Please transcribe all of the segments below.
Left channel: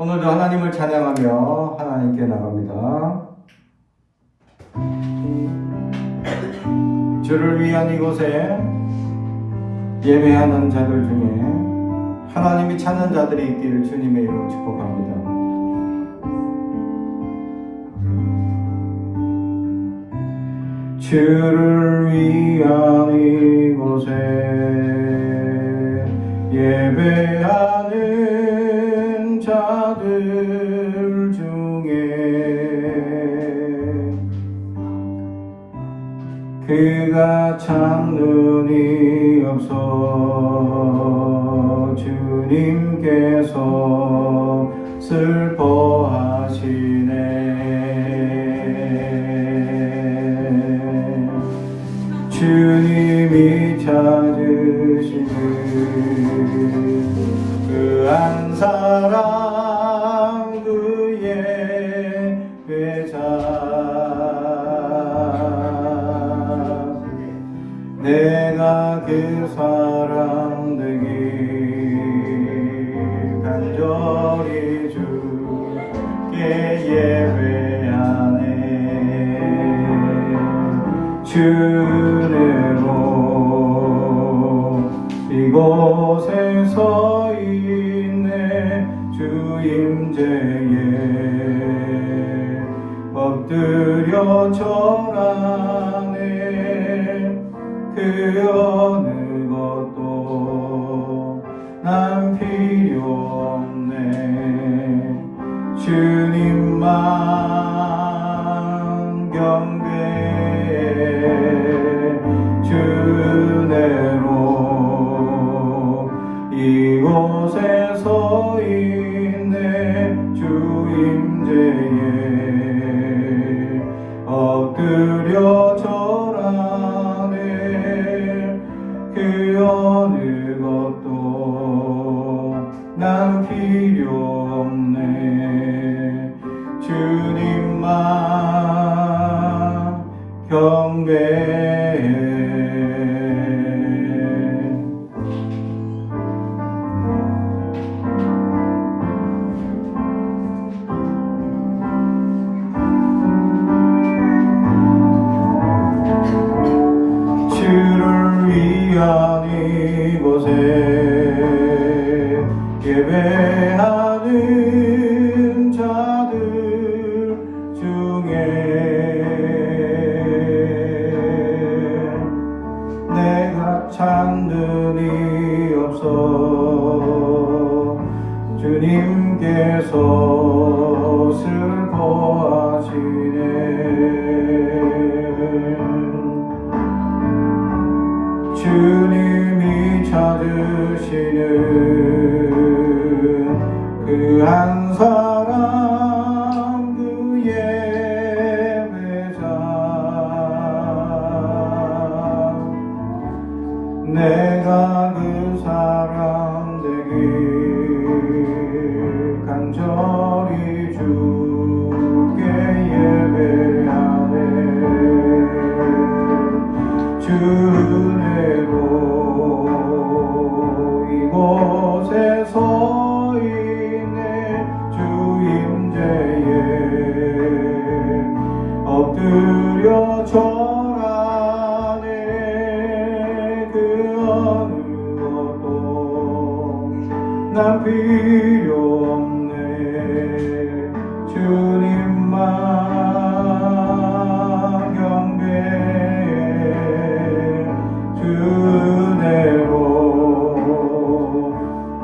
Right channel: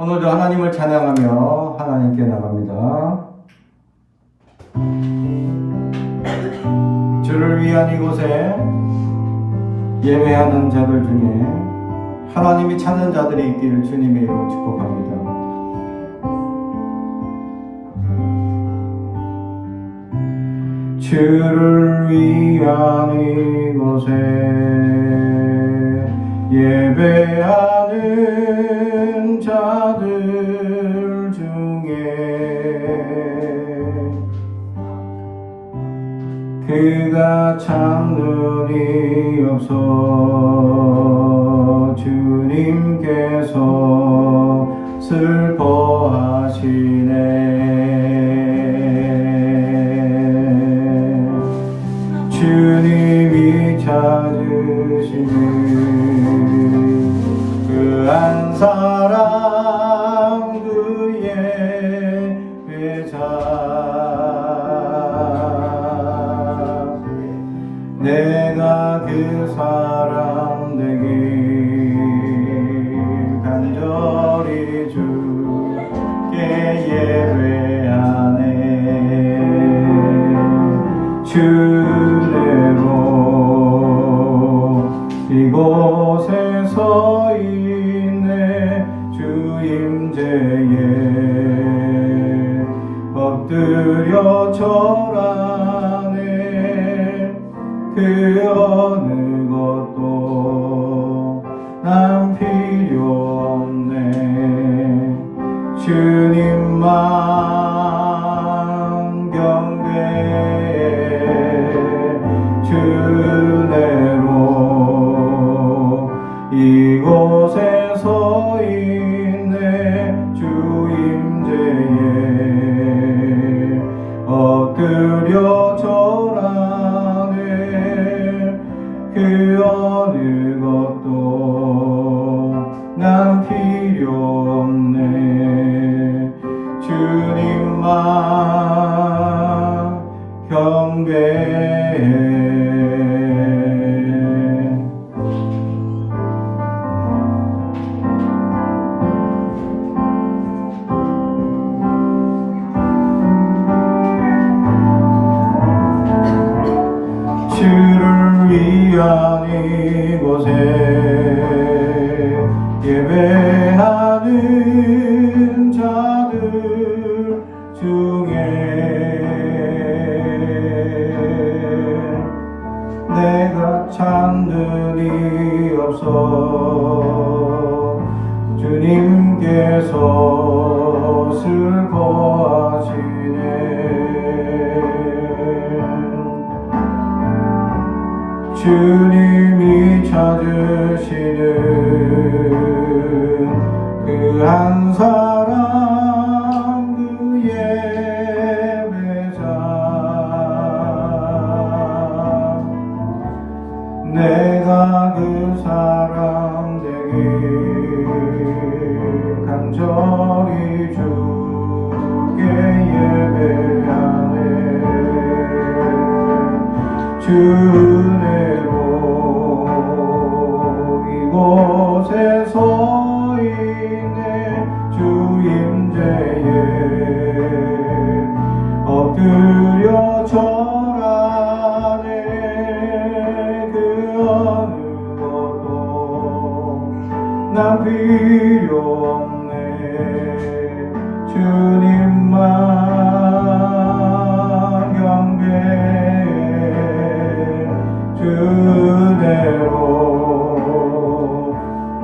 오늘도 하나님을 찬양하며 하나님께 나갑니다. 주를 위한 이곳에 예배하는 자들 중에 하나님이 찾는 자들이 있기를 주님의 이름으로 축복합니다. 주를 위한 이곳에 예배하는 자들 중에 그가 참는 이 없어 주님께서 슬퍼하시네. 주님이 찾으시니 그 한 사람 그의 회자 내가 그 사람 되기 간절히 주께 예배하네. 주내로 이곳에 서 있네. 주 임재에 엎드려 절하네. 그 어느 것도 난 필요 없네. 주님만 경배해. 주내로 이곳에 서 있네. 주 임재에 엎드려 절하네. 그 어느 것도 난 필요 없네. 주님만 경배해. 주를 위한 이곳에 예배하는 자들 중에 내가 찾는 이 없어 주님께서 슬퍼하시네. 주님이 찾으시는 그 한 사람 그의 회자 내가 그 사람 되기 간절히 주께 예배하네. 주내로 이곳에 서 있네. 주 임재에 엎드려 절하네. 그 어느 것도 난 필요 없네. 주님만 경배해. 주내로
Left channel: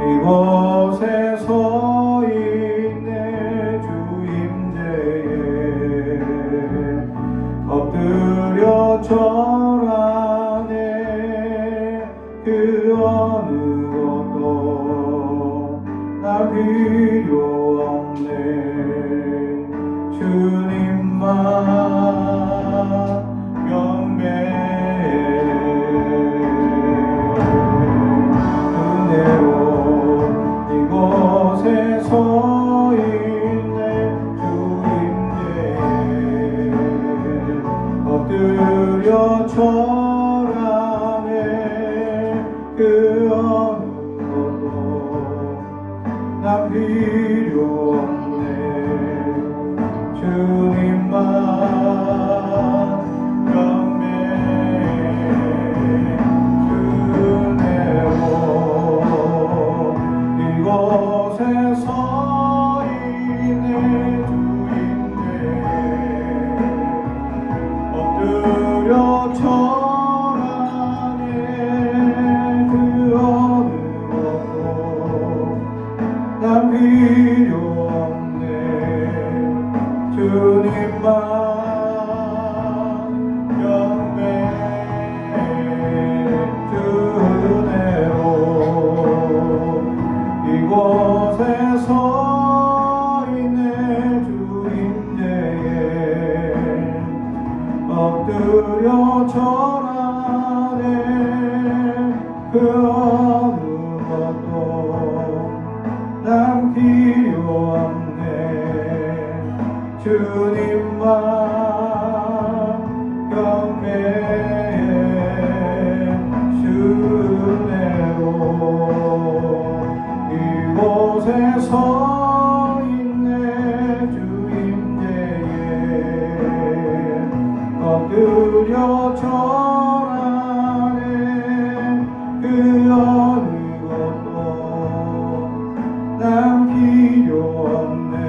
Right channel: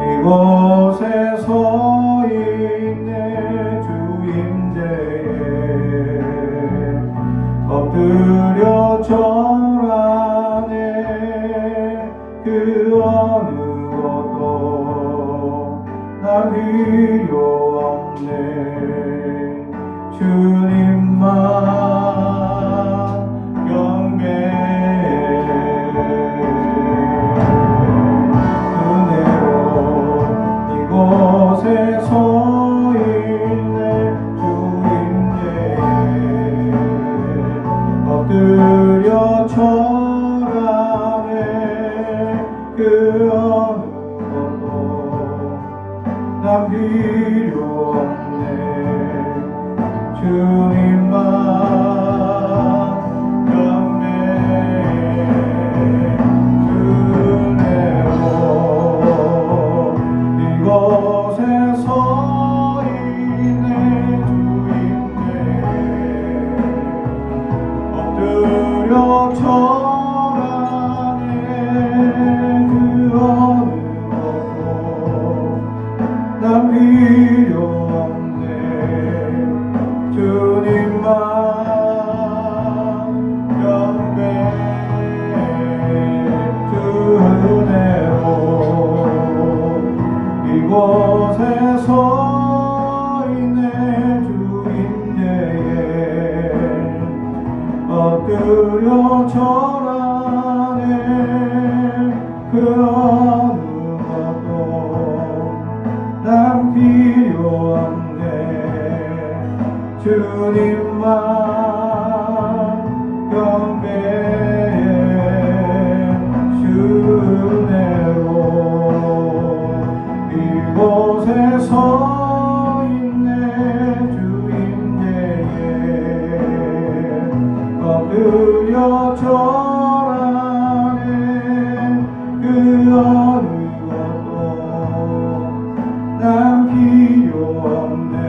이곳에 서 있네. 주 임재에 엎드려 절하네. 그 어느 것도 난 필요 없네. 주님만 경배해. 은혜로 이곳에 서 있네. 주 임재에 엎드려 절하네. 그 어느 것도 난 필요 없네. 주님만 이곳에 서 있네. 주인네 엎드려 절하네. 그 어느 것도 난 필요 없네. 주님만 주네요. 이곳에 서 있네. 주인네에 엎드려 절하네. 그 어느 것도 난 필요 없네. 주님만 주네요. 이곳에 서 있네. 주인네에 엎드려 절하네. 그 어느 것도 난 필요 없네.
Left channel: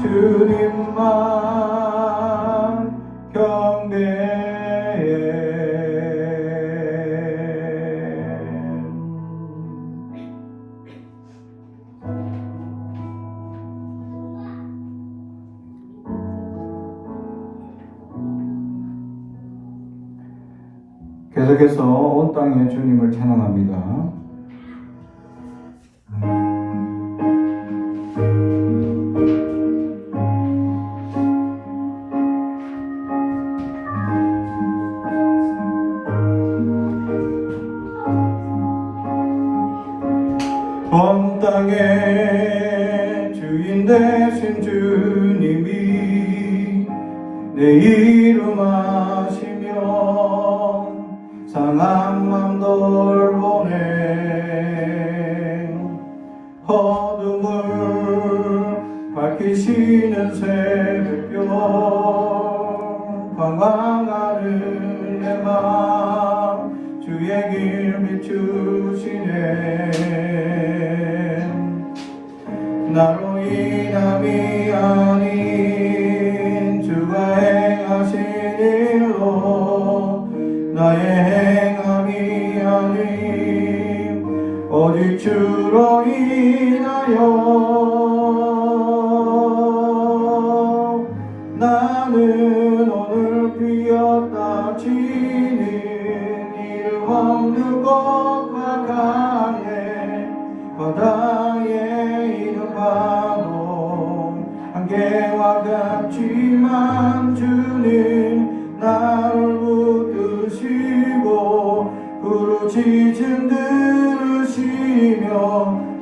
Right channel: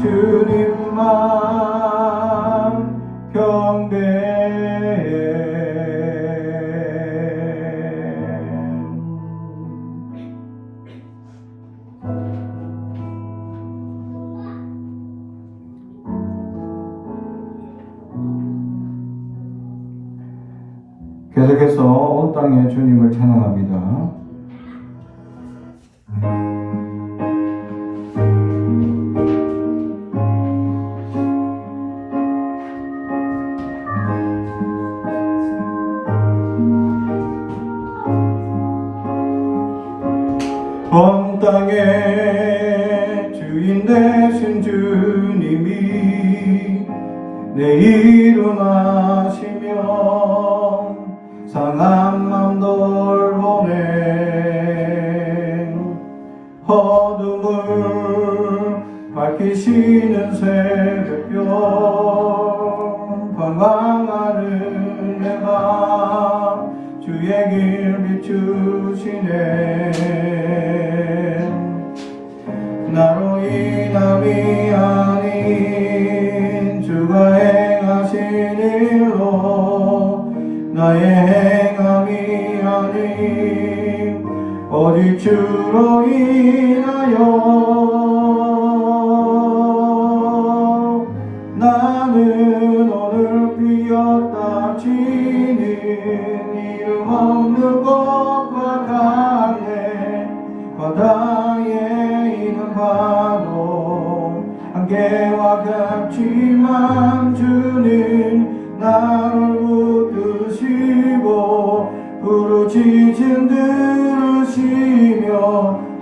주님만 경배해. 계속해서 온 땅에 주님을 찬양합니다. 온 땅의 주인 되신 주님이 내 일어나시며 상한 맘 돌보네. 어둠을 밝히시는 새벽별 방황하는 내 맘 주의 길 비추시네. 나로 인함이 아닌 주가 행하신 일로 나의 행함이 아닌 오직 주로 인하여 나는 오늘 비었다 지는 이름 없는 꽃과 같네. 바다에 있는 파도 안개와 같지만 주는 나를 붙드시고 부르짖음 들으시며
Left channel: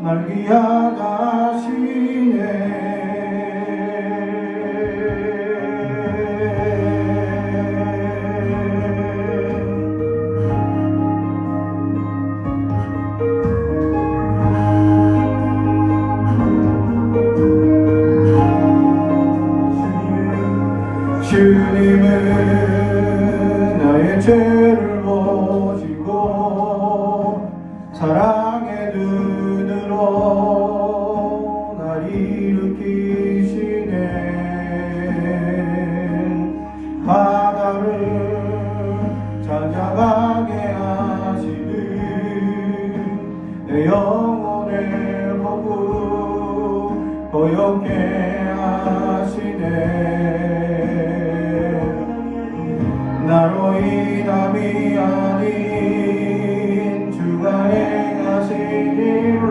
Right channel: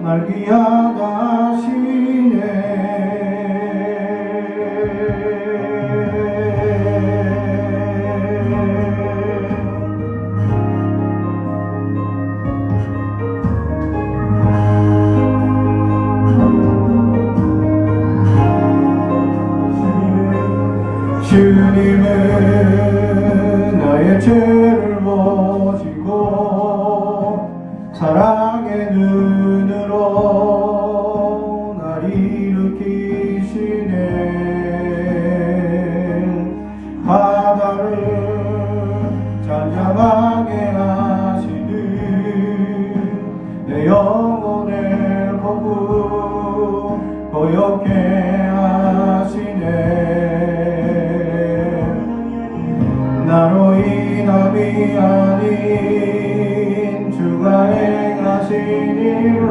날 위하다시네. 주님은 나의 죄를 보시고 사랑의 눈으로 날 일으키시네. 바다를 잔잔하게 하시듯 내 영혼의 호흡 고요케 하시네. 나로 인함이 아닌 주가 행하신 일로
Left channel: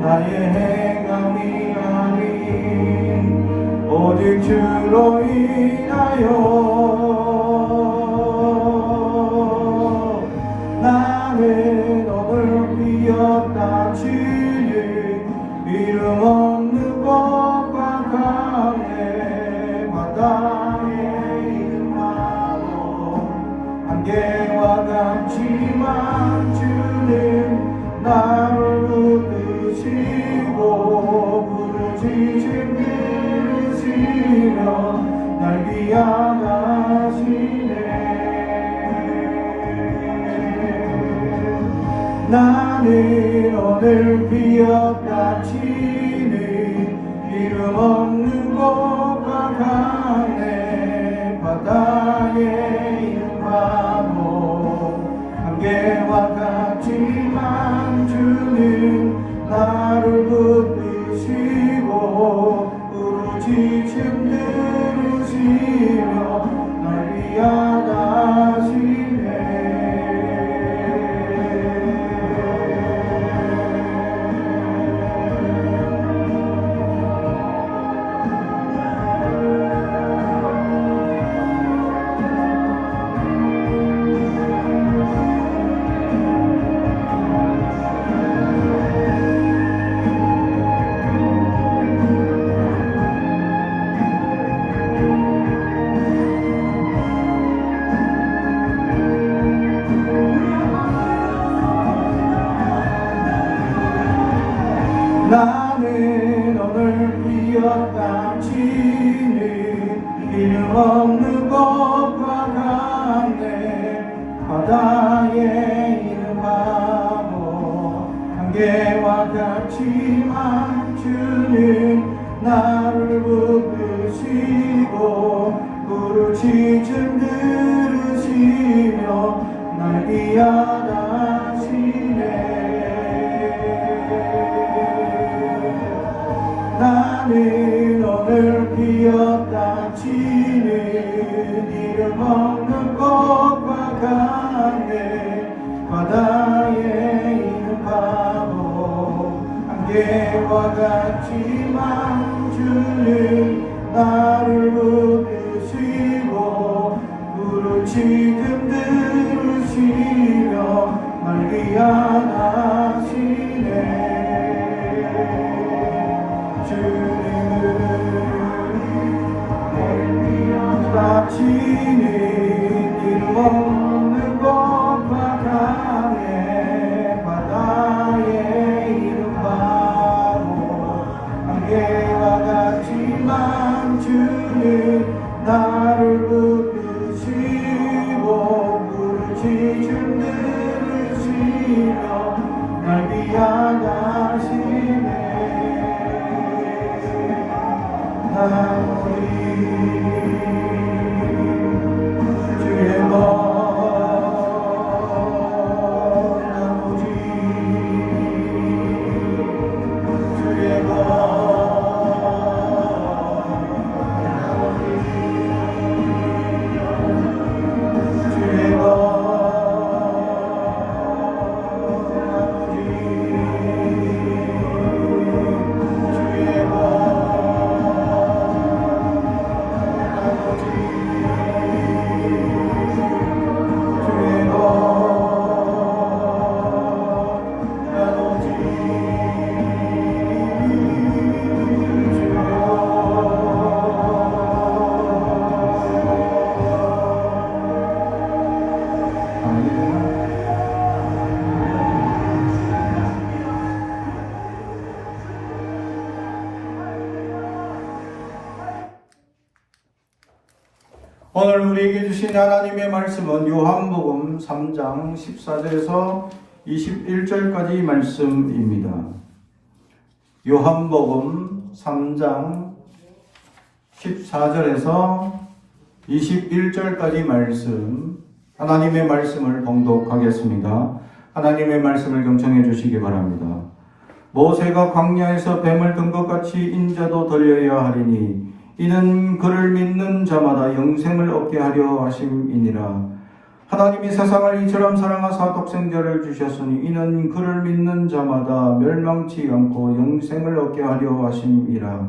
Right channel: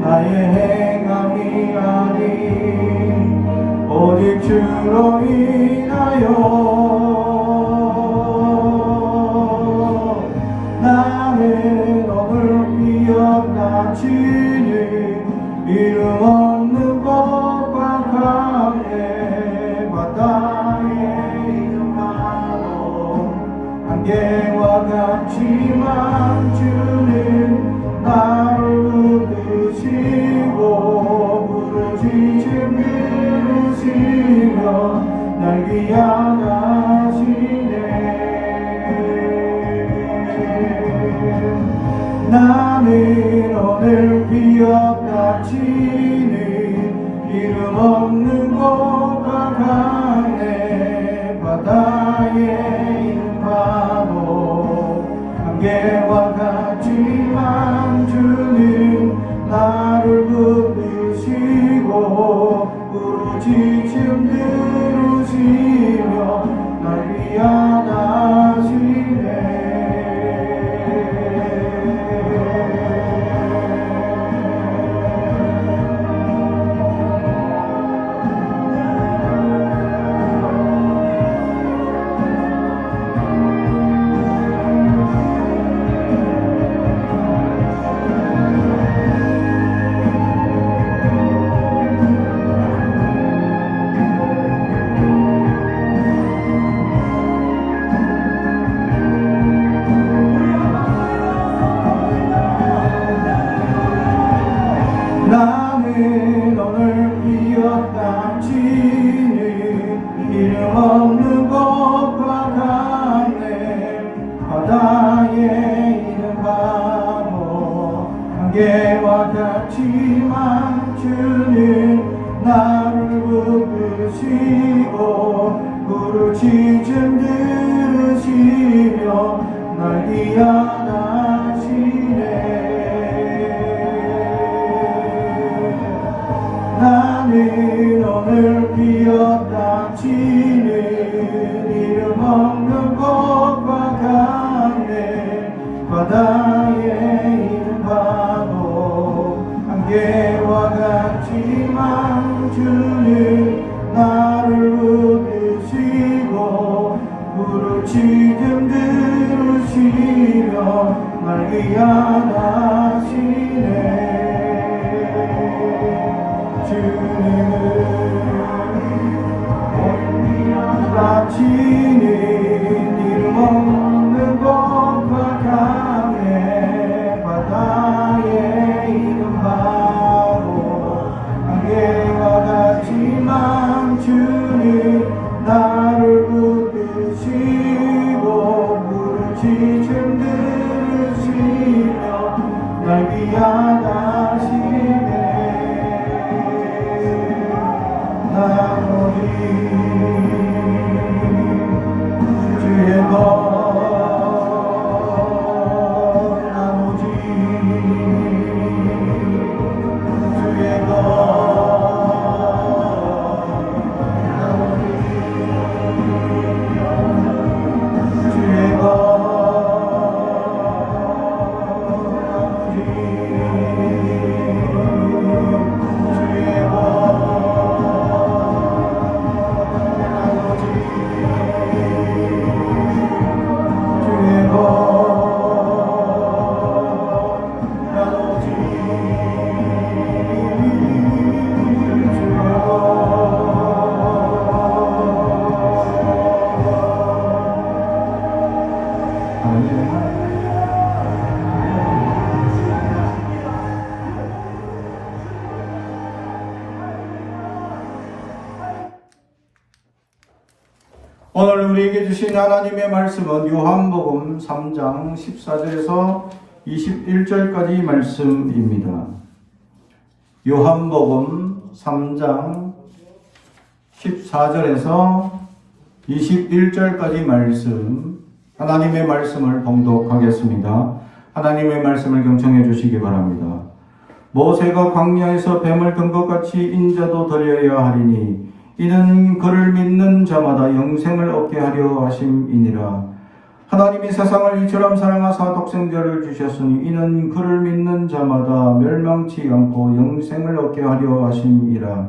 나의 행함이 아닌 오직 주로 인하여 나는 오늘 비었다 치는 이름 없는 것과 같네. 바다에 안개와 같지만 주는 나를 너를 비어닥치는 이름 없는 곳과 강해 바다에 있는 파도 안개와 같지만 주는 나를 붙드시고 부르짖음 들으시며 날 위하시네. 나는 오늘 비어닥치는 이름 없는 곳과 같네 바다에 있는 파도 안개와 같지만 주는 나를 붙드시고 부르짖음 들으시며 날 위하시네. 나는 오늘 비어닥치는 이름 없는 곳과 같네 바다에 있는 파도 안개와 같지만 주는 나를 붙드시고 부르짖음 들으시며 날 위하시네. 닥치는 이름 없는 곳과 강해 바다에 있는 파도 안개와 같지만 주는 나를 붙드시고 부르짖음 들으시며 날 위하시네. 오늘 우리에게 주신 하나님의 말씀은 요한복음 3장 14절에서 21절까지 말씀입니다. 요한복음 3장 14절에서 21절까지 말씀, 하나님의 말씀을 봉독하겠습니다. 하나님의 말씀을 경청해 주시기 바랍니다. 모세가 광야에서 뱀을 든 것 같이 인자도 들려야 하리니 이는 그를 믿는 자마다 영생을 얻게 하려 하심이니라. 하나님이 세상을 이처럼 사랑하사 독생자를 주셨으니 이는 그를 믿는 자마다 멸망치 않고 영생을 얻게 하려 하심이라.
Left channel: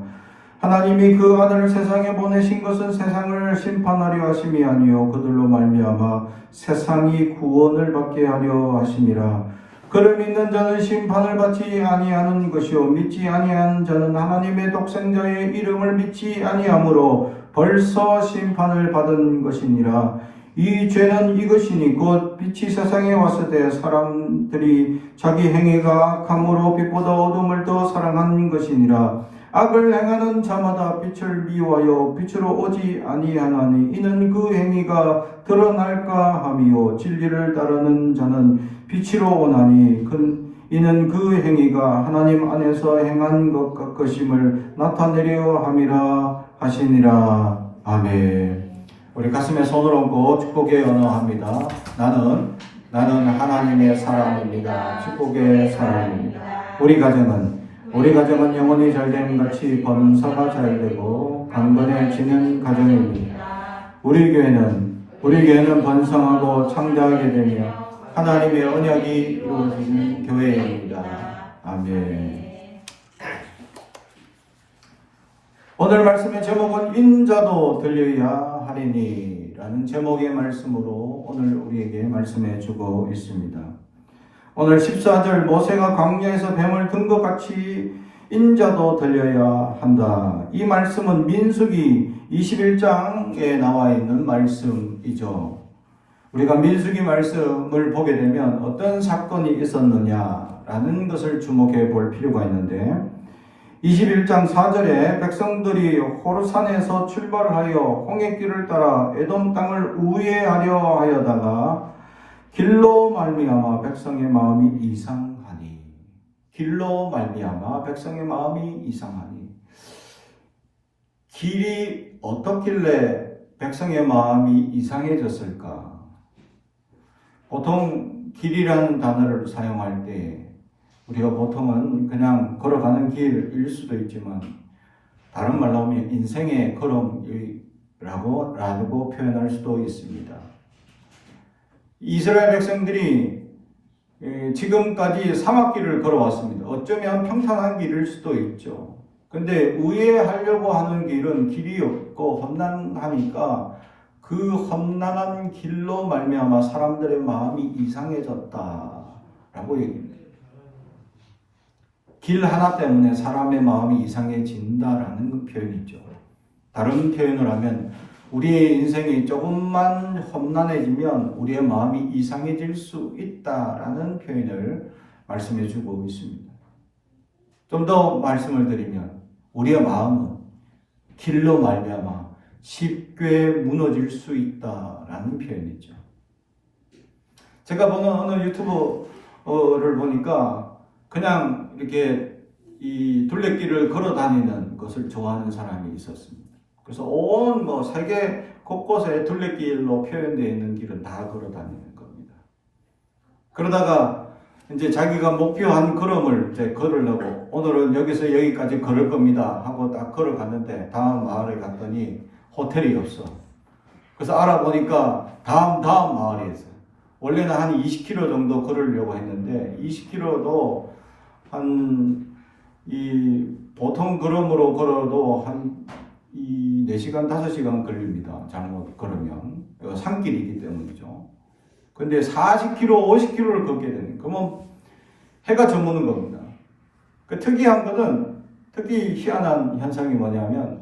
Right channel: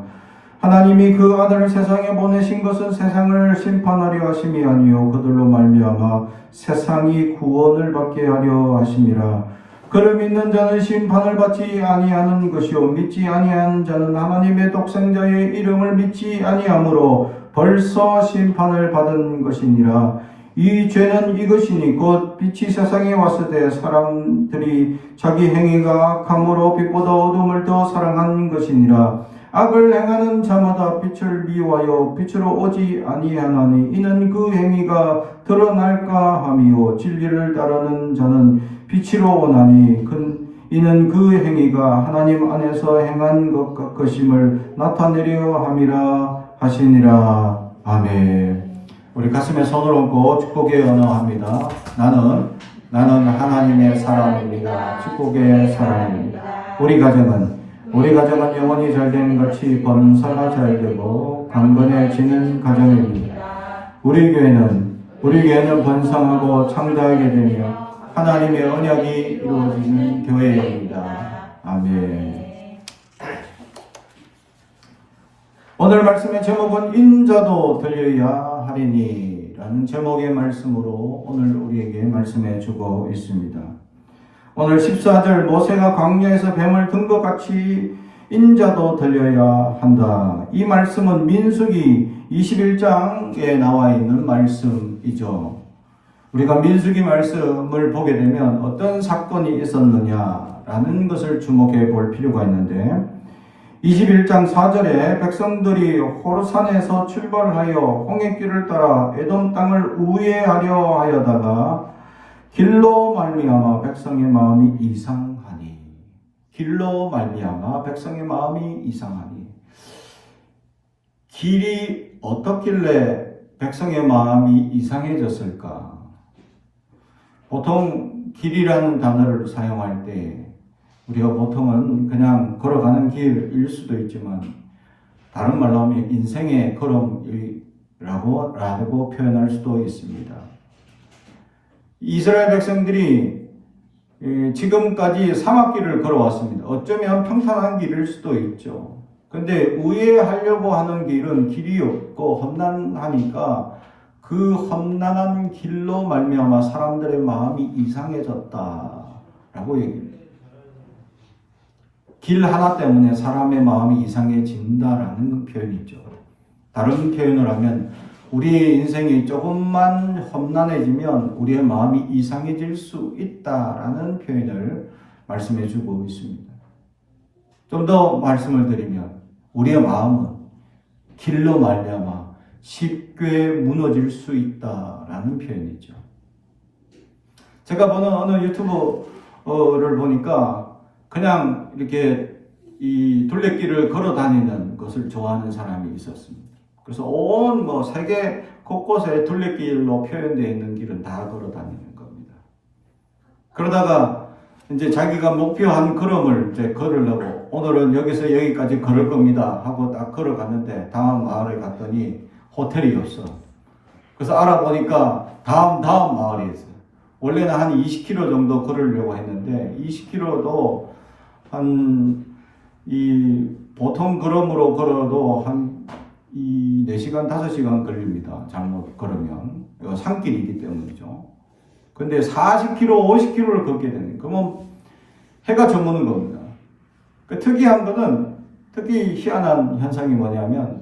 하나님이 그 아들을 세상에 보내신 것은 세상을 심판하려 하심이 아니요 그들로 말미암아 세상이 구원을 받게 하려 하심이라. 그를 믿는 자는 심판을 받지 아니하는 것이요 믿지 아니한 자는 하나님의 독생자의 이름을 믿지 아니하므로 벌써 심판을 받은 것이니라. 이 죄는 이것이니 곧 빛이 세상에 왔을 때 사람들이 자기 행위가 악함으로 빛보다 어둠을 더 사랑한 것이니라. 악을 행하는 자마다 빛을 미워하여 빛으로 오지 아니하나니 이는 그 행위가 드러날까 함이요 진리를 따르는 자는 빛으로 오나니 이는 그 행위가 하나님 안에서 행한 것 것임을 나타내려 함이라 하시니라. 아멘. 우리 가슴에 손을 얹고 축복의 언어합니다. 나는 하나님의 사람입니다. 축복의 사람입니다. 우리 가정은 영혼이 잘되는 같이 범사가 잘되고 강건해지는 가정입니다. 우리 교회는 번성하고 창대하게 되며 하나님의 언약이 이루어지는 교회입니다. 아멘. 오늘 말씀의 제목은 인자도 들려야 하리니 라는 제목의 말씀으로 오늘 우리에게 말씀해 주고 있습니다. 오늘 14절 모세가 광야에서 뱀을 든 것 같이 인자도 들려야 한다. 이 말씀은 민수기 21장에 나와 있는 말씀이죠. 우리가 민수기 말씀을 보게 되면 어떤 사건이 있었느냐라는 것을 주목해 볼 필요가 있는데 21장 4절에 백성들이 호르산에서 출발하여 홍해길을 따라 에돔 땅을 우회하려 하여다가 길로 말미암아 백성의 마음이 이상하니. 길로 말미암아 백성의 마음이 이상하니. 길이 어떻길래 백성의 마음이 이상해졌을까? 보통 길이라는 단어를 사용할 때 우리가 보통은 그냥 걸어가는 길일 수도 있지만 다른 말로 하면 인생의 걸음이라고 표현할 수도 있습니다. 이스라엘 백성들이 지금까지 사막길을 걸어왔습니다. 어쩌면 평탄한 길일 수도 있죠. 근데 우회하려고 하는 길은 길이 없고 험난하니까 그 험난한 길로 말미암아 사람들의 마음이 이상해졌다라고 얘기합니다. 길 하나 때문에 사람의 마음이 이상해진다라는 표현이죠. 다른 표현을 하면 우리의 인생이 조금만 험난해지면 우리의 마음이 이상해질 수 있다라는 표현을 말씀해 주고 있습니다. 좀 더 말씀을 드리면 우리의 마음은 길로 말미암아 쉽게 무너질 수 있다라는 표현이죠. 제가 보는 어느 유튜브를 보니까 그냥 이렇게 이 둘레길을 걸어 다니는 것을 좋아하는 사람이 있었습니다. 그래서 온 세계 곳곳에 둘레길로 표현되어 있는 길은 다 걸어 다니는 겁니다. 그러다가 이제 자기가 목표한 걸음을 이제 걸으려고 오늘은 여기서 여기까지 걸을 겁니다 하고 딱 걸어갔는데 다음 마을에 갔더니 호텔이 없어. 그래서 알아보니까 다음 마을에 있어요. 원래는 한 20km 정도 걸으려고 했는데 20km도 보통 걸음으로 걸어도 한 4시간, 5시간 걸립니다. 잘못 걸으면. 산길이기 때문이죠. 근데 40km, 50km를 걷게 되는, 그러면 해가 저무는 겁니다. 그 특이한 거는, 특히 희한한 현상이 뭐냐면,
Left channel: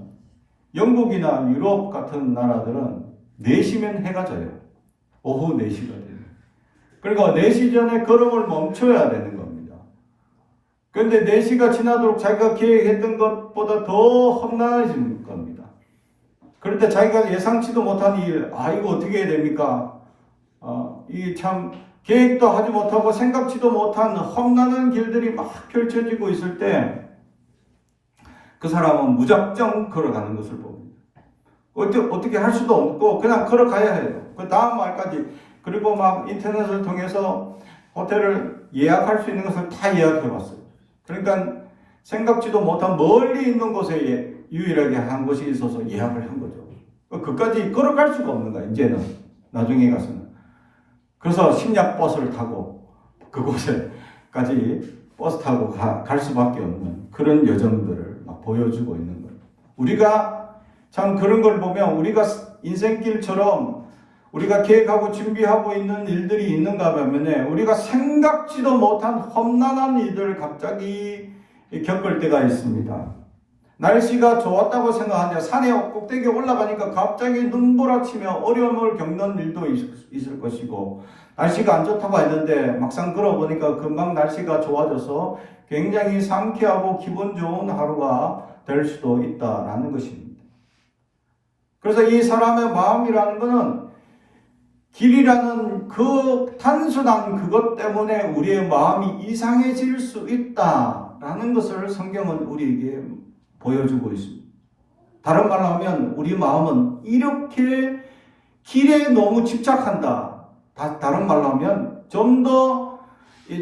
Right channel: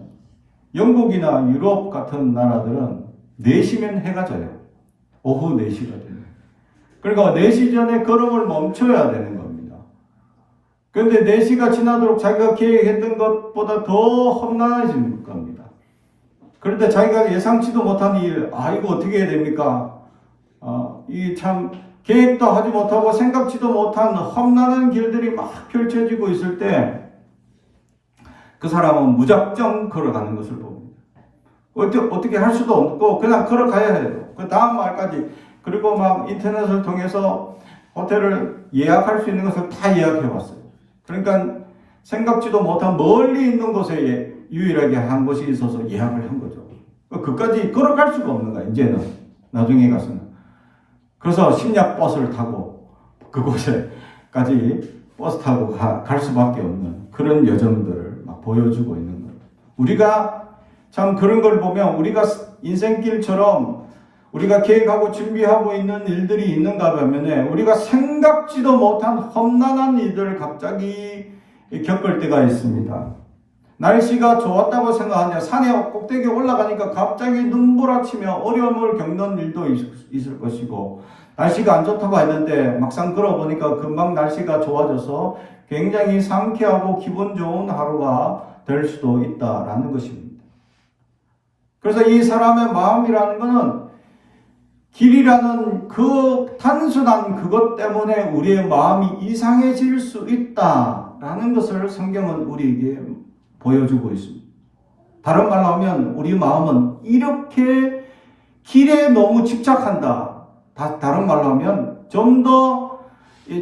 영국이나 유럽 같은 나라들은 4시면 해가 져요. 오후 4시가 되면. 그러니까 4시 전에 걸음을 멈춰야 되는 겁니다. 그런데 4시가 지나도록 자기가 계획했던 것보다 더 험난해지는 겁니다. 그런데 자기가 예상치도 못한 일, 이거 어떻게 해야 됩니까? 이 참 계획도 하지 못하고 생각지도 못한 험난한 길들이 막 펼쳐지고 있을 때 그 사람은 무작정 걸어가는 것을 봅니다. 어떻게 할 수도 없고 그냥 걸어가야 해요. 그 다음 말까지. 그리고 막 인터넷을 통해서 호텔을 예약할 수 있는 것을 다 예약해봤어요. 그러니까 생각지도 못한 멀리 있는 곳에 유일하게 한 곳이 있어서 예약을 한 거죠. 그까지 걸어갈 수가 없는 거야, 이제는. 나중에 가서는. 그래서 심야 버스를 타고 그곳에까지 버스 타고 갈 수밖에 없는 그런 여정들을 막 보여주고 있는 거예요. 우리가 참 그런 걸 보면 우리가 인생길처럼 우리가 계획하고 준비하고 있는 일들이 있는가 하면 우리가 생각지도 못한 험난한 일들을 갑자기 겪을 때가 있습니다. 날씨가 좋았다고 생각하는데 산에 꼭대기에 올라가니까 갑자기 눈부라치며 어려움을 겪는 일도 있을 것이고, 날씨가 안 좋다고 했는데 막상 걸어보니까 금방 날씨가 좋아져서 굉장히 상쾌하고 기분 좋은 하루가 될 수도 있다라는 것입니다. 그래서 이 사람의 마음이라는 것은 길이라는 그 단순한 그것 때문에 우리의 마음이 이상해질 수 있다라는 것을 성경은 우리에게 보여주고 있습니다. 다른 말로 하면 우리 마음은 이렇게 길에 너무 집착한다. 다른 말로 하면 좀 더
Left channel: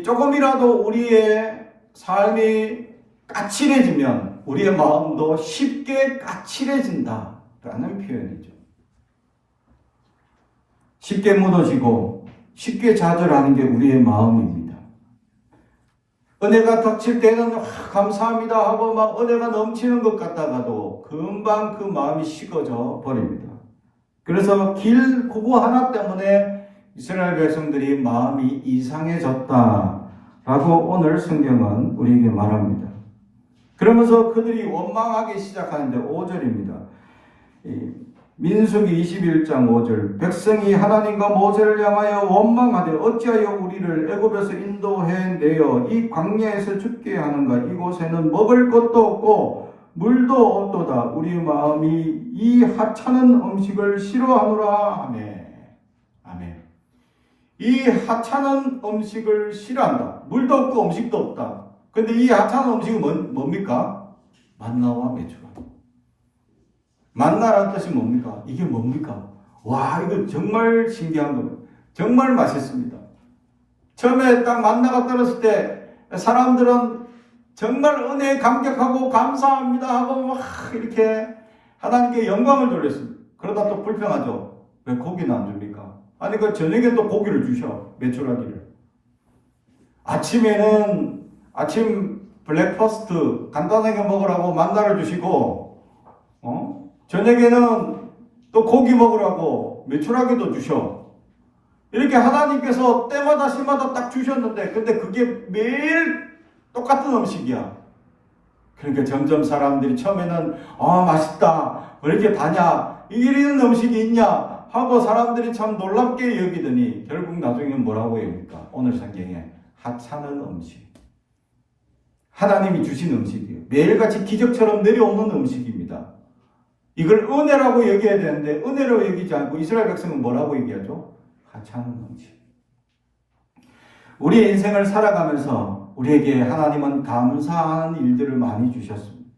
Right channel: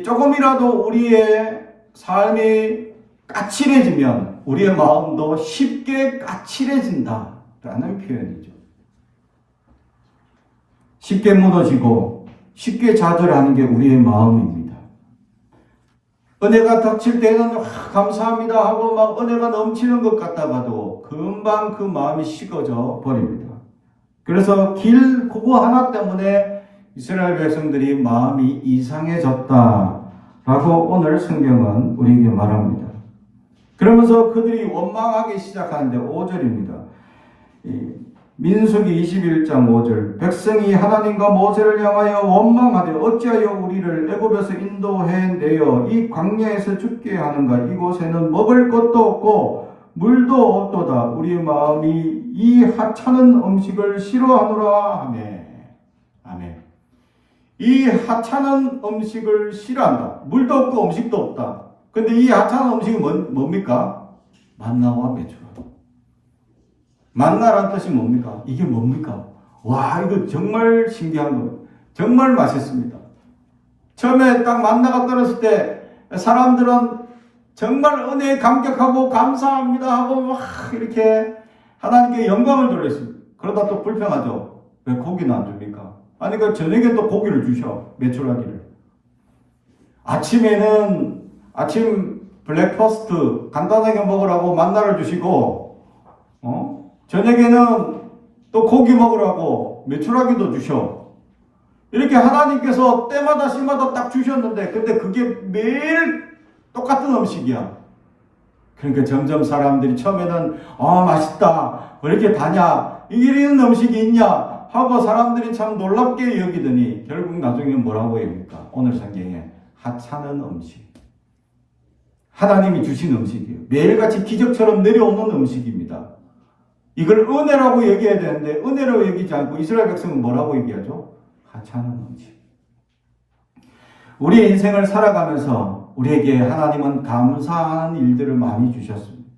조금이라도 우리의 삶이 까칠해지면 우리의 마음도 쉽게 까칠해진다라는 표현이죠. 쉽게 무너지고 쉽게 좌절하는 게 우리의 마음입니다. 은혜가 닥칠 때는 감사합니다 하고 막 은혜가 넘치는 것 같다가도 금방 그 마음이 식어져 버립니다. 그래서 길 그거 하나 때문에 이스라엘 백성들이 마음이 이상해졌다라고 오늘 성경은 우리에게 말합니다. 그러면서 그들이 원망하기 시작하는데 5절입니다. 민수기 21장 5절 백성이 하나님과 모세를 향하여 원망하되 어찌하여 우리를 애굽에서 인도해내어 이 광야에서 죽게 하는가. 이곳에는 먹을 것도 없고 물도 없도다. 우리의 마음이 이 하찮은 음식을 싫어하노라 하며. 아멘. 이 하찮은 음식을 싫어한다. 물도 없고 음식도 없다. 근데 이 하찮은 음식이 뭡니까? 만나와 메추라. 만나라는 뜻이 뭡니까? 이게 뭡니까? 와, 이거 정말 신기한 겁니다. 정말 맛있습니다. 처음에 딱 만나가 떨어질 때 사람들은 정말 은혜에 감격하고 감사합니다 하고 막 이렇게 하나님께 영광을 돌렸습니다. 그러다 또 불평하죠. 왜 고기는 안 줍니까? 아니 그 저녁에 또 고기를 주셔. 메추라기를. 아침에는 아침 블랙퍼스트 간단하게 먹으라고 만나를 주시고 저녁에는 또 고기 먹으라고 메추라기도 주셔. 이렇게 하나님께서 때마다 시마다 딱 주셨는데 근데 그게 매일 똑같은 음식이야. 그러니까 점점 사람들이 처음에는 맛있다. 왜 이렇게 다냐? 이런 음식이 있냐? 하고 사람들이 참 놀랍게 여기더니 결국 나중에 뭐라고 합니까? 오늘 성경에 하찮은 음식. 하나님이 주신 음식이에요. 매일같이 기적처럼 내려오는 음식입니다. 이걸 은혜라고 얘기해야 되는데 은혜로 얘기하지 않고 이스라엘 백성은 뭐라고 얘기하죠? 하찮은 음식. 우리의 인생을 살아가면서 우리에게 하나님은 감사하는 일들을 많이 주셨습니다.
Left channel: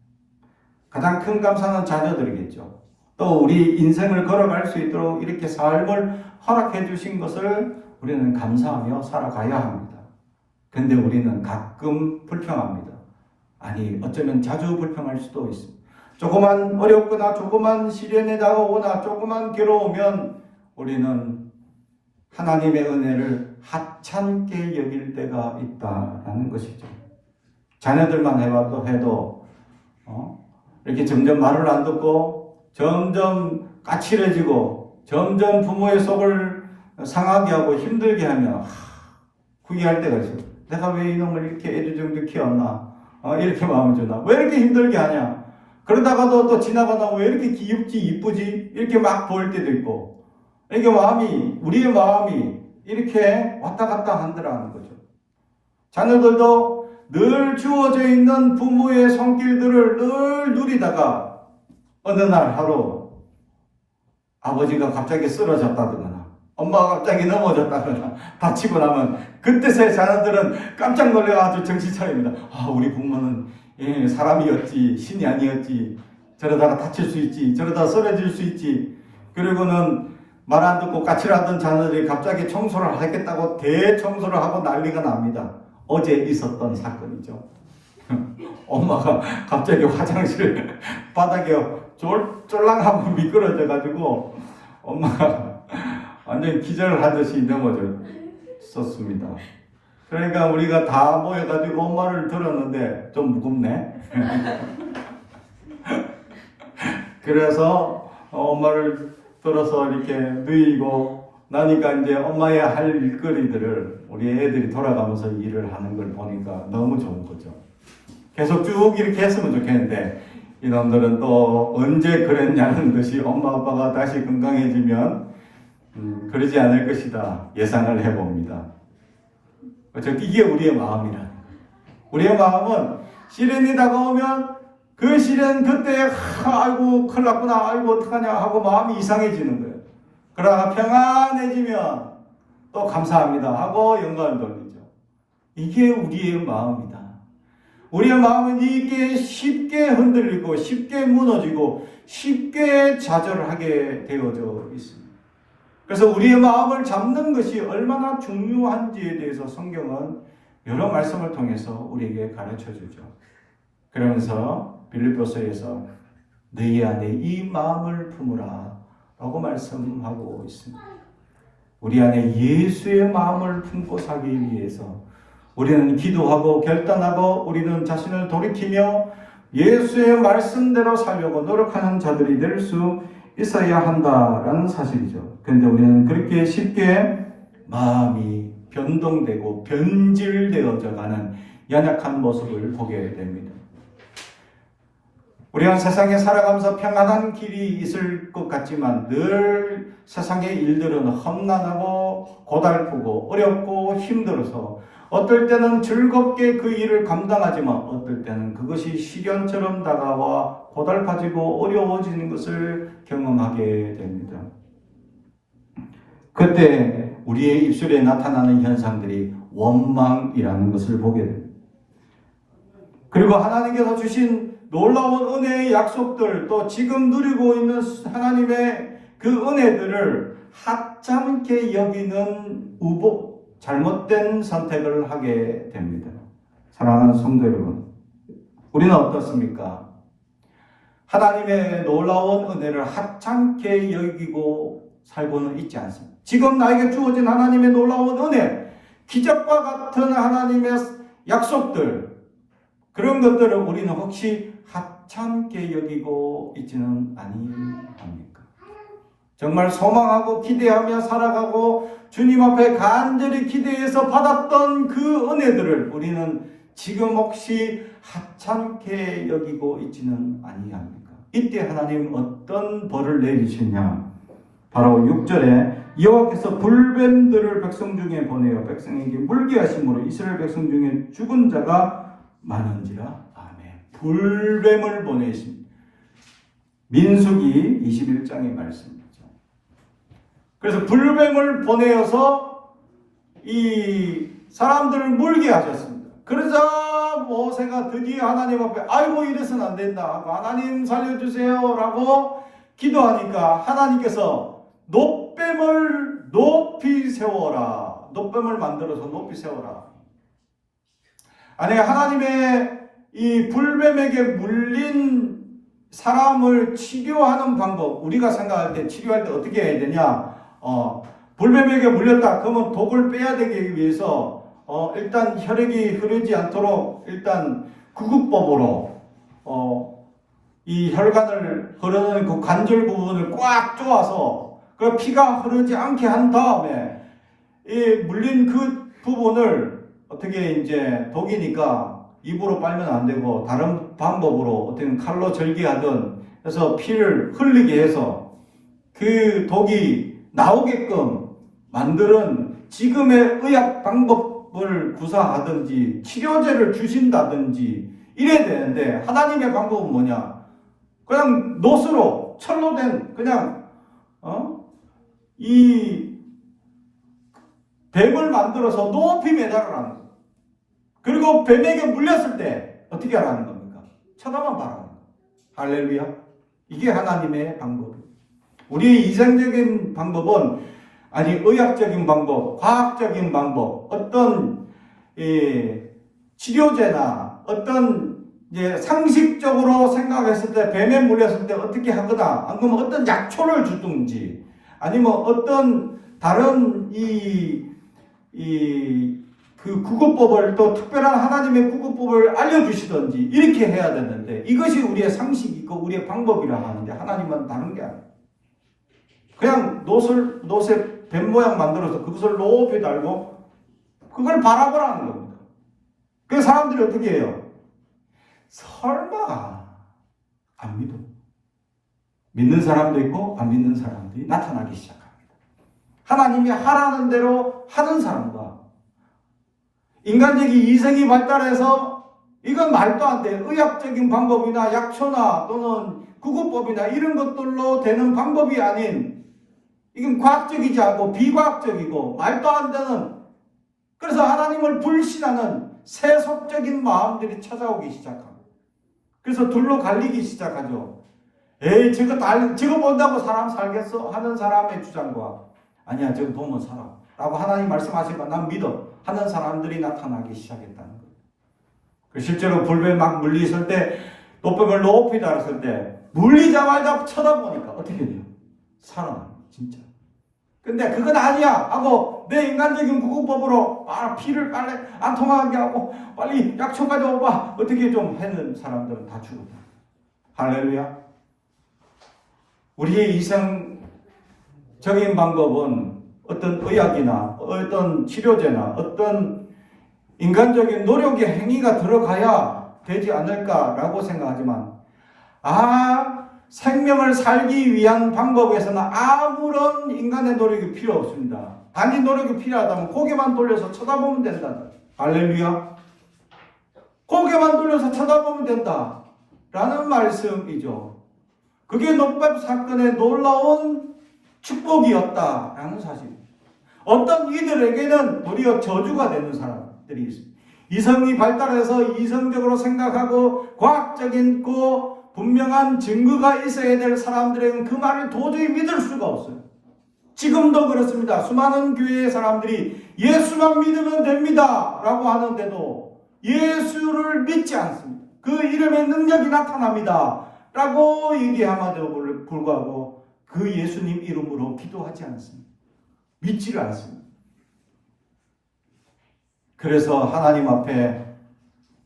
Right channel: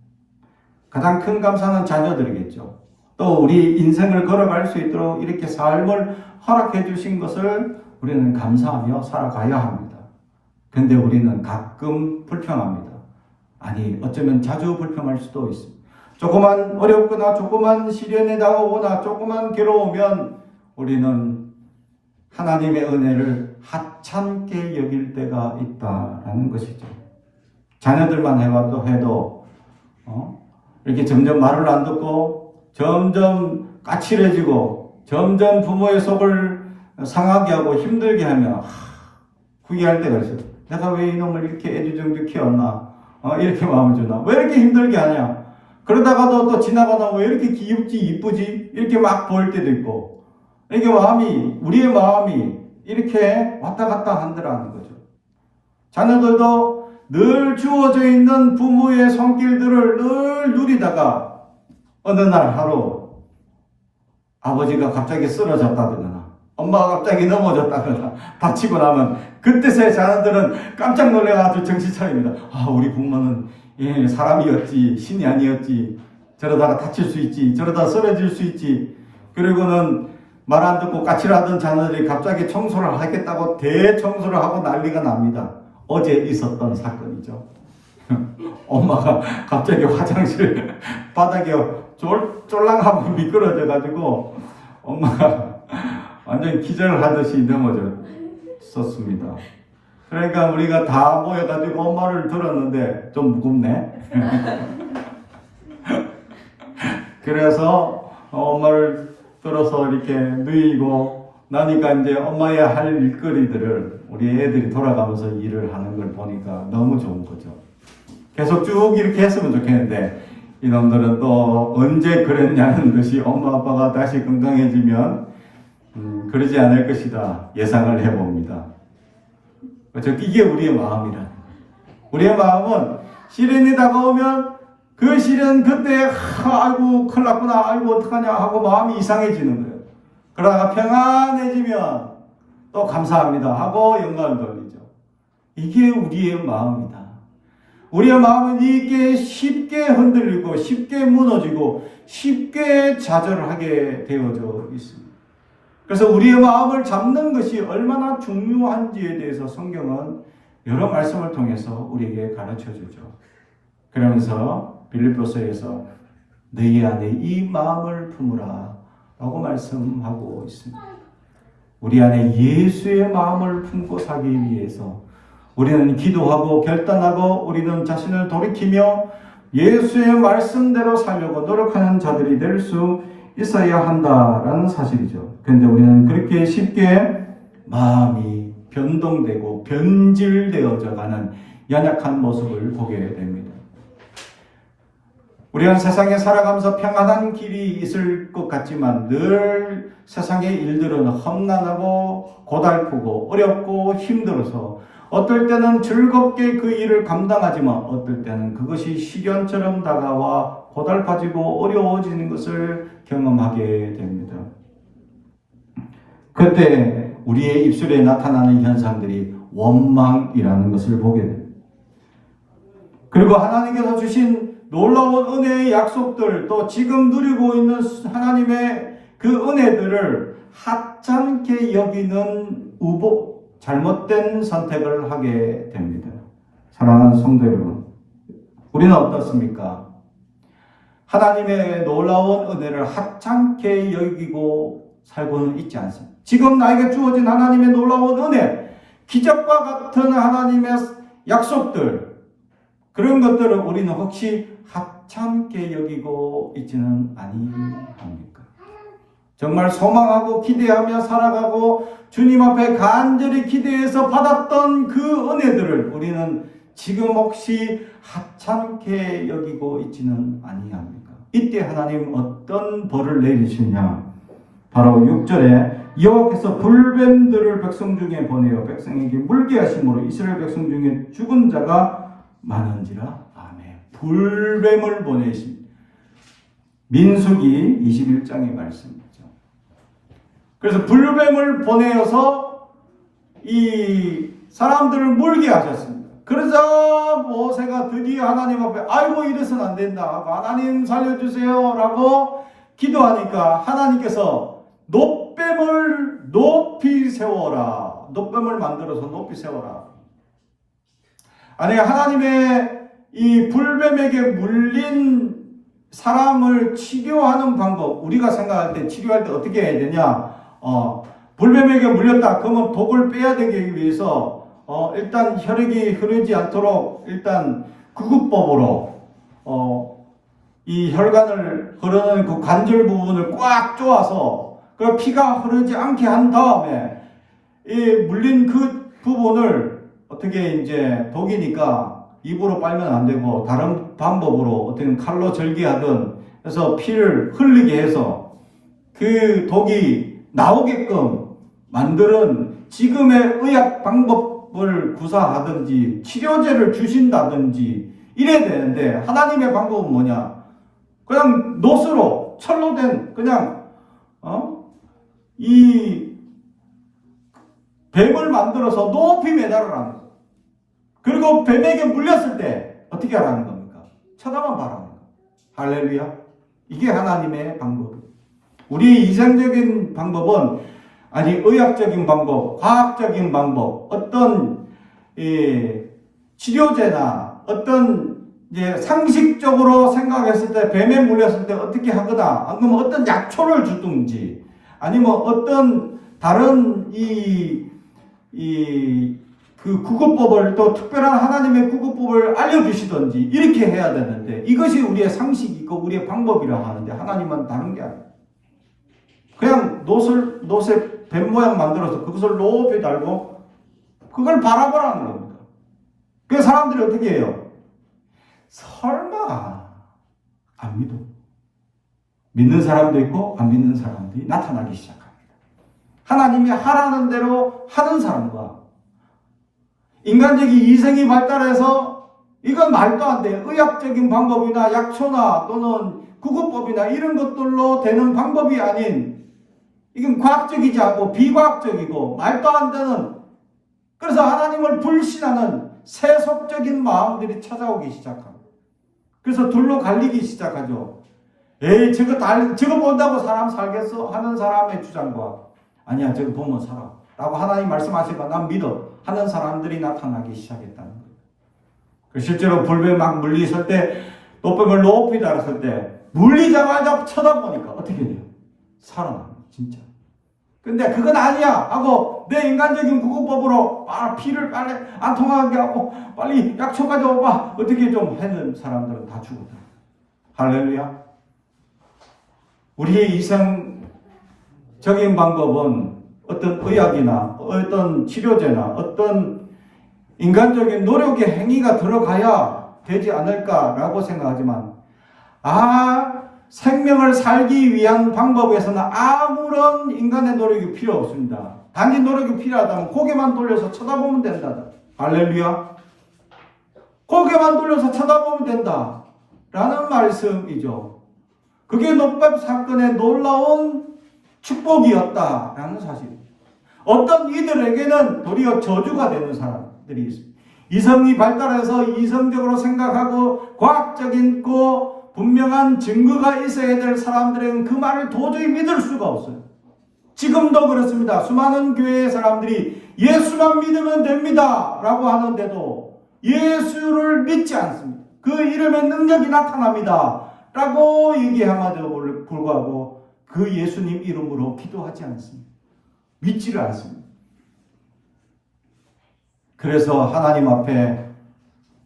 가장 큰 감사는 자녀들이겠죠. 또 우리 인생을 걸어갈 수 있도록 이렇게 삶을 허락해 주신 것을 우리는 감사하며 살아가야 합니다. 근데 우리는 가끔 불평합니다. 아니 어쩌면 자주 불평할 수도 있습니다. 조그만 어렵거나 조그만 시련이 다가오거나 조그만 괴로우면 우리는 하나님의 은혜를 하찮게 여길 때가 있다라는 것이죠. 자녀들만 해도 이렇게 점점 말을 안 듣고 점점 까칠해지고 점점 부모의 속을 상하게 하고 힘들게 하면 후회할 때가 있어요. 내가 왜 이놈을 이렇게 애주정주 키웠나? 이렇게 마음을 주나? 왜 이렇게 힘들게 하냐? 그러다가도 또 지나가다 왜 이렇게 귀엽지 이쁘지? 이렇게 막 보일 때도 있고 이게 우리의 마음이 이렇게 왔다 갔다 한다는 거죠. 자녀들도 늘 주어져 있는 부모의 손길들을 늘 누리다가 어느 날 하루 아버지가 갑자기 쓰러졌다거나 엄마가 갑자기 넘어졌다거나 다치고 나면 그때서야 자녀들은 깜짝 놀라가지고 정신 차립니다. 우리 부모는 사람이었지 신이 아니었지. 저러다가 다칠 수 있지. 저러다가 쓰러질 수 있지. 그리고는 말 안 듣고 까칠하던 자녀들이 갑자기 청소를 하겠다고 대청소를 하고 난리가 납니다. 어제 있었던 사건이죠. 엄마가 갑자기 화장실 바닥에 쫄랑하고 미끄러져가지고 엄마가 완전히 기절하듯이 넘어졌었습니다. 그러니까 우리가 다 모여가지고 엄마를 들었는데 좀 무겁네. 그래서 엄마를 들어서 이렇게 누이고 나니까 이제 엄마의 할 일거리들을 우리 애들이 돌아가면서 일을 하는 걸 보니까 너무 좋은 거죠. 계속 쭉 이렇게 했으면 좋겠는데 이놈들은 또 언제 그랬냐는 것이 엄마 아빠가 다시 건강해지면 그러지 않을 것이다 예상을 해봅니다. 이게 우리의 마음이라는 거예요. 우리의 마음은 시련이 다가오면 그 시련 그때 아이고 큰일 났구나 아이고 어떡하냐 하고 마음이 이상해지는 거예요. 그러다가 평안해지면 또 감사합니다 하고 영광을 돌리죠. 이게 우리의 마음이다. 우리의 마음은 이게 쉽게 흔들리고 쉽게 무너지고 쉽게 좌절하게 되어져 있습니다. 그래서 우리의 마음을 잡는 것이 얼마나 중요한지에 대해서 성경은 여러 말씀을 통해서 우리에게 가르쳐 주죠. 그러면서 빌립보서에서 너희 안에 이 마음을 품으라 라고 말씀하고 있습니다. 우리 안에 예수의 마음을 품고 살기 위해서 우리는 기도하고 결단하고 우리는 자신을 돌이키며 예수의 말씀대로 살려고 노력하는 자들이 될 수 있어야 한다라는 사실이죠. 그런데 우리는 그렇게 쉽게 마음이 변동되고 변질되어져 가는 연약한 모습을 보게 됩니다. 우리는 세상에 살아가면서 평안한 길이 있을 것 같지만 늘 세상의 일들은 험난하고 고달프고 어렵고 힘들어서 어떨 때는 즐겁게 그 일을 감당하지만 어떨 때는 그것이 시련처럼 다가와 고달파지고 어려워지는 것을 경험하게 됩니다. 그때 우리의 입술에 나타나는 현상들이 원망이라는 것을 보게 됩니다. 그리고 하나님께서 주신 놀라운 은혜의 약속들, 또 지금 누리고 있는 하나님의 그 은혜들을 하찮게 여기는 잘못된 선택을 하게 됩니다. 사랑하는 성도 여러분, 우리는 어떻습니까? 하나님의 놀라운 은혜를 하찮게 여기고 살고는 있지 않습니다. 지금 나에게 주어진 하나님의 놀라운 은혜, 기적과 같은 하나님의 약속들, 그런 것들을 우리는 혹시 하찮게 여기고 있지는 아니합니까? 정말 소망하고 기대하며 살아가고 주님 앞에 간절히 기대해서 받았던 그 은혜들을 우리는 지금 혹시 하찮게 여기고 있지는 아니합니까? 이때 하나님 어떤 벌을 내리시냐? 바로 6절에 여호와께서 불뱀들을 백성 중에 보내어 백성에게 물게 하심으로 이스라엘 백성 중에 죽은 자가 많은지라. 아멘. 불뱀을 보내신 민수기 21장의 말씀이죠. 그래서 불뱀을 보내어서 이 사람들을 물게 하셨습니다. 그러자 모세가 드디어 하나님 앞에 아이고 이래서는 안 된다, 하나님 살려주세요 라고 기도하니까 하나님께서 놋뱀을 높이 세워라, 놋뱀을 만들어서 높이 세워라. 아니, 하나님의 이 불뱀에게 물린 사람을 치료하는 방법, 우리가 생각할 때 치료할 때 어떻게 해야 되냐? 불뱀에게 물렸다 그러면 독을 빼야 되기 위해서 일단 혈액이 흐르지 않도록 일단 구급법으로 이 혈관을 흐르는 그 관절 부분을 꽉 조아서 그 피가 흐르지 않게 한 다음에 이 물린 그 부분을 어떻게 이제 독이니까 입으로 빨면 안 되고 다른 방법으로 어떤 칼로 절개하든 해서 피를 흘리게 해서 그 독이 나오게끔 만드는 지금의 의학 방법을 구사하든지 치료제를 주신다든지 이래야 되는데 하나님의 방법은 뭐냐? 그냥 놋으로 철로 된 그냥 이 뱀을 만들어서 높이 매달으라는 거예요. 그리고 뱀에게 물렸을 때 어떻게 하라는 겁니까? 쳐다만 봐라는 거예요. 할렐루야. 이게 하나님의 방법이에요. 우리의 이상적인 방법은 아니 의학적인 방법, 과학적인 방법, 어떤 치료제나 어떤 이제 상식적으로 생각했을 때 뱀에 물렸을 때 어떻게 하거나 아니면 어떤 약초를 주든지 아니면 어떤 다른 그 구급법을 또 특별한 하나님의 구급법을 알려주시든지 이렇게 해야 되는데 이것이 우리의 상식이고 우리의 방법이라고 하는데 하나님은 다른 게 아니에요. 그냥 놋에 뱀 모양 만들어서 그것을 높이 달고 그걸 바라보라는 겁니다. 그래서 사람들이 어떻게 해요? 설마 안 믿어. 믿는 사람도 있고 안 믿는 사람들이 나타나기 시작합니다. 하나님이 하라는 대로 하는 사람과 인간적인 이성이 발달해서 이건 말도 안 돼. 의학적인 방법이나 약초나 또는 구급법이나 이런 것들로 되는 방법이 아닌 이건 과학적이지 않고 비과학적이고 말도 안 되는, 그래서 하나님을 불신하는 세속적인 마음들이 찾아오기 시작하고, 그래서 둘로 갈리기 시작하죠. 에이, 저거 본다고 사람 살겠어? 하는 사람의 주장과, 아니야, 저거 보면 살아 라고 하나님 말씀하시니까 난 믿어 하는 사람들이 나타나기 시작했다는 거예요. 실제로 불뱀 막 물리실 때, 노뱀을 높이 달았을 때 물리자마자 쳐다보니까 어떻게 돼요? 살아나, 진짜. 근데 그건 아니야 하고 내 인간적인 구급법으로 피를 빨리 안 통하게 하고 빨리 약초 가져와봐 어떻게 좀 하는 사람들은 다 죽었다. 할렐루야. 우리의 이성적인 방법은 어떤 의학이나 어떤 치료제나 어떤 인간적인 노력의 행위가 들어가야 되지 않을까라고 생각하지만, 생명을 살기 위한 방법에서는 아무런 인간의 노력이 필요 없습니다. 단지 노력이 필요하다면 고개만 돌려서 쳐다보면 된다. 할렐루야. 고개만 돌려서 쳐다보면 된다 라는 말씀이죠. 그게 노뱀 사건의 놀라운 축복이었다라는 사실입니다. 어떤 이들에게는 도리어 저주가 되는 사람들이 있습니다. 이성이 발달해서 이성적으로 생각하고 과학적인 분명한 증거가 있어야 될 사람들에게는 그 말을 도저히 믿을 수가 없어요. 지금도 그렇습니다. 수많은 교회의 사람들이 예수만 믿으면 됩니다 라고 하는데도 예수를 믿지 않습니다. 그 이름의 능력이 나타납니다 라고 얘기함에도 불구하고 그 예수님 이름으로 기도하지 않습니다. 믿지를 않습니다. 그래서 하나님 앞에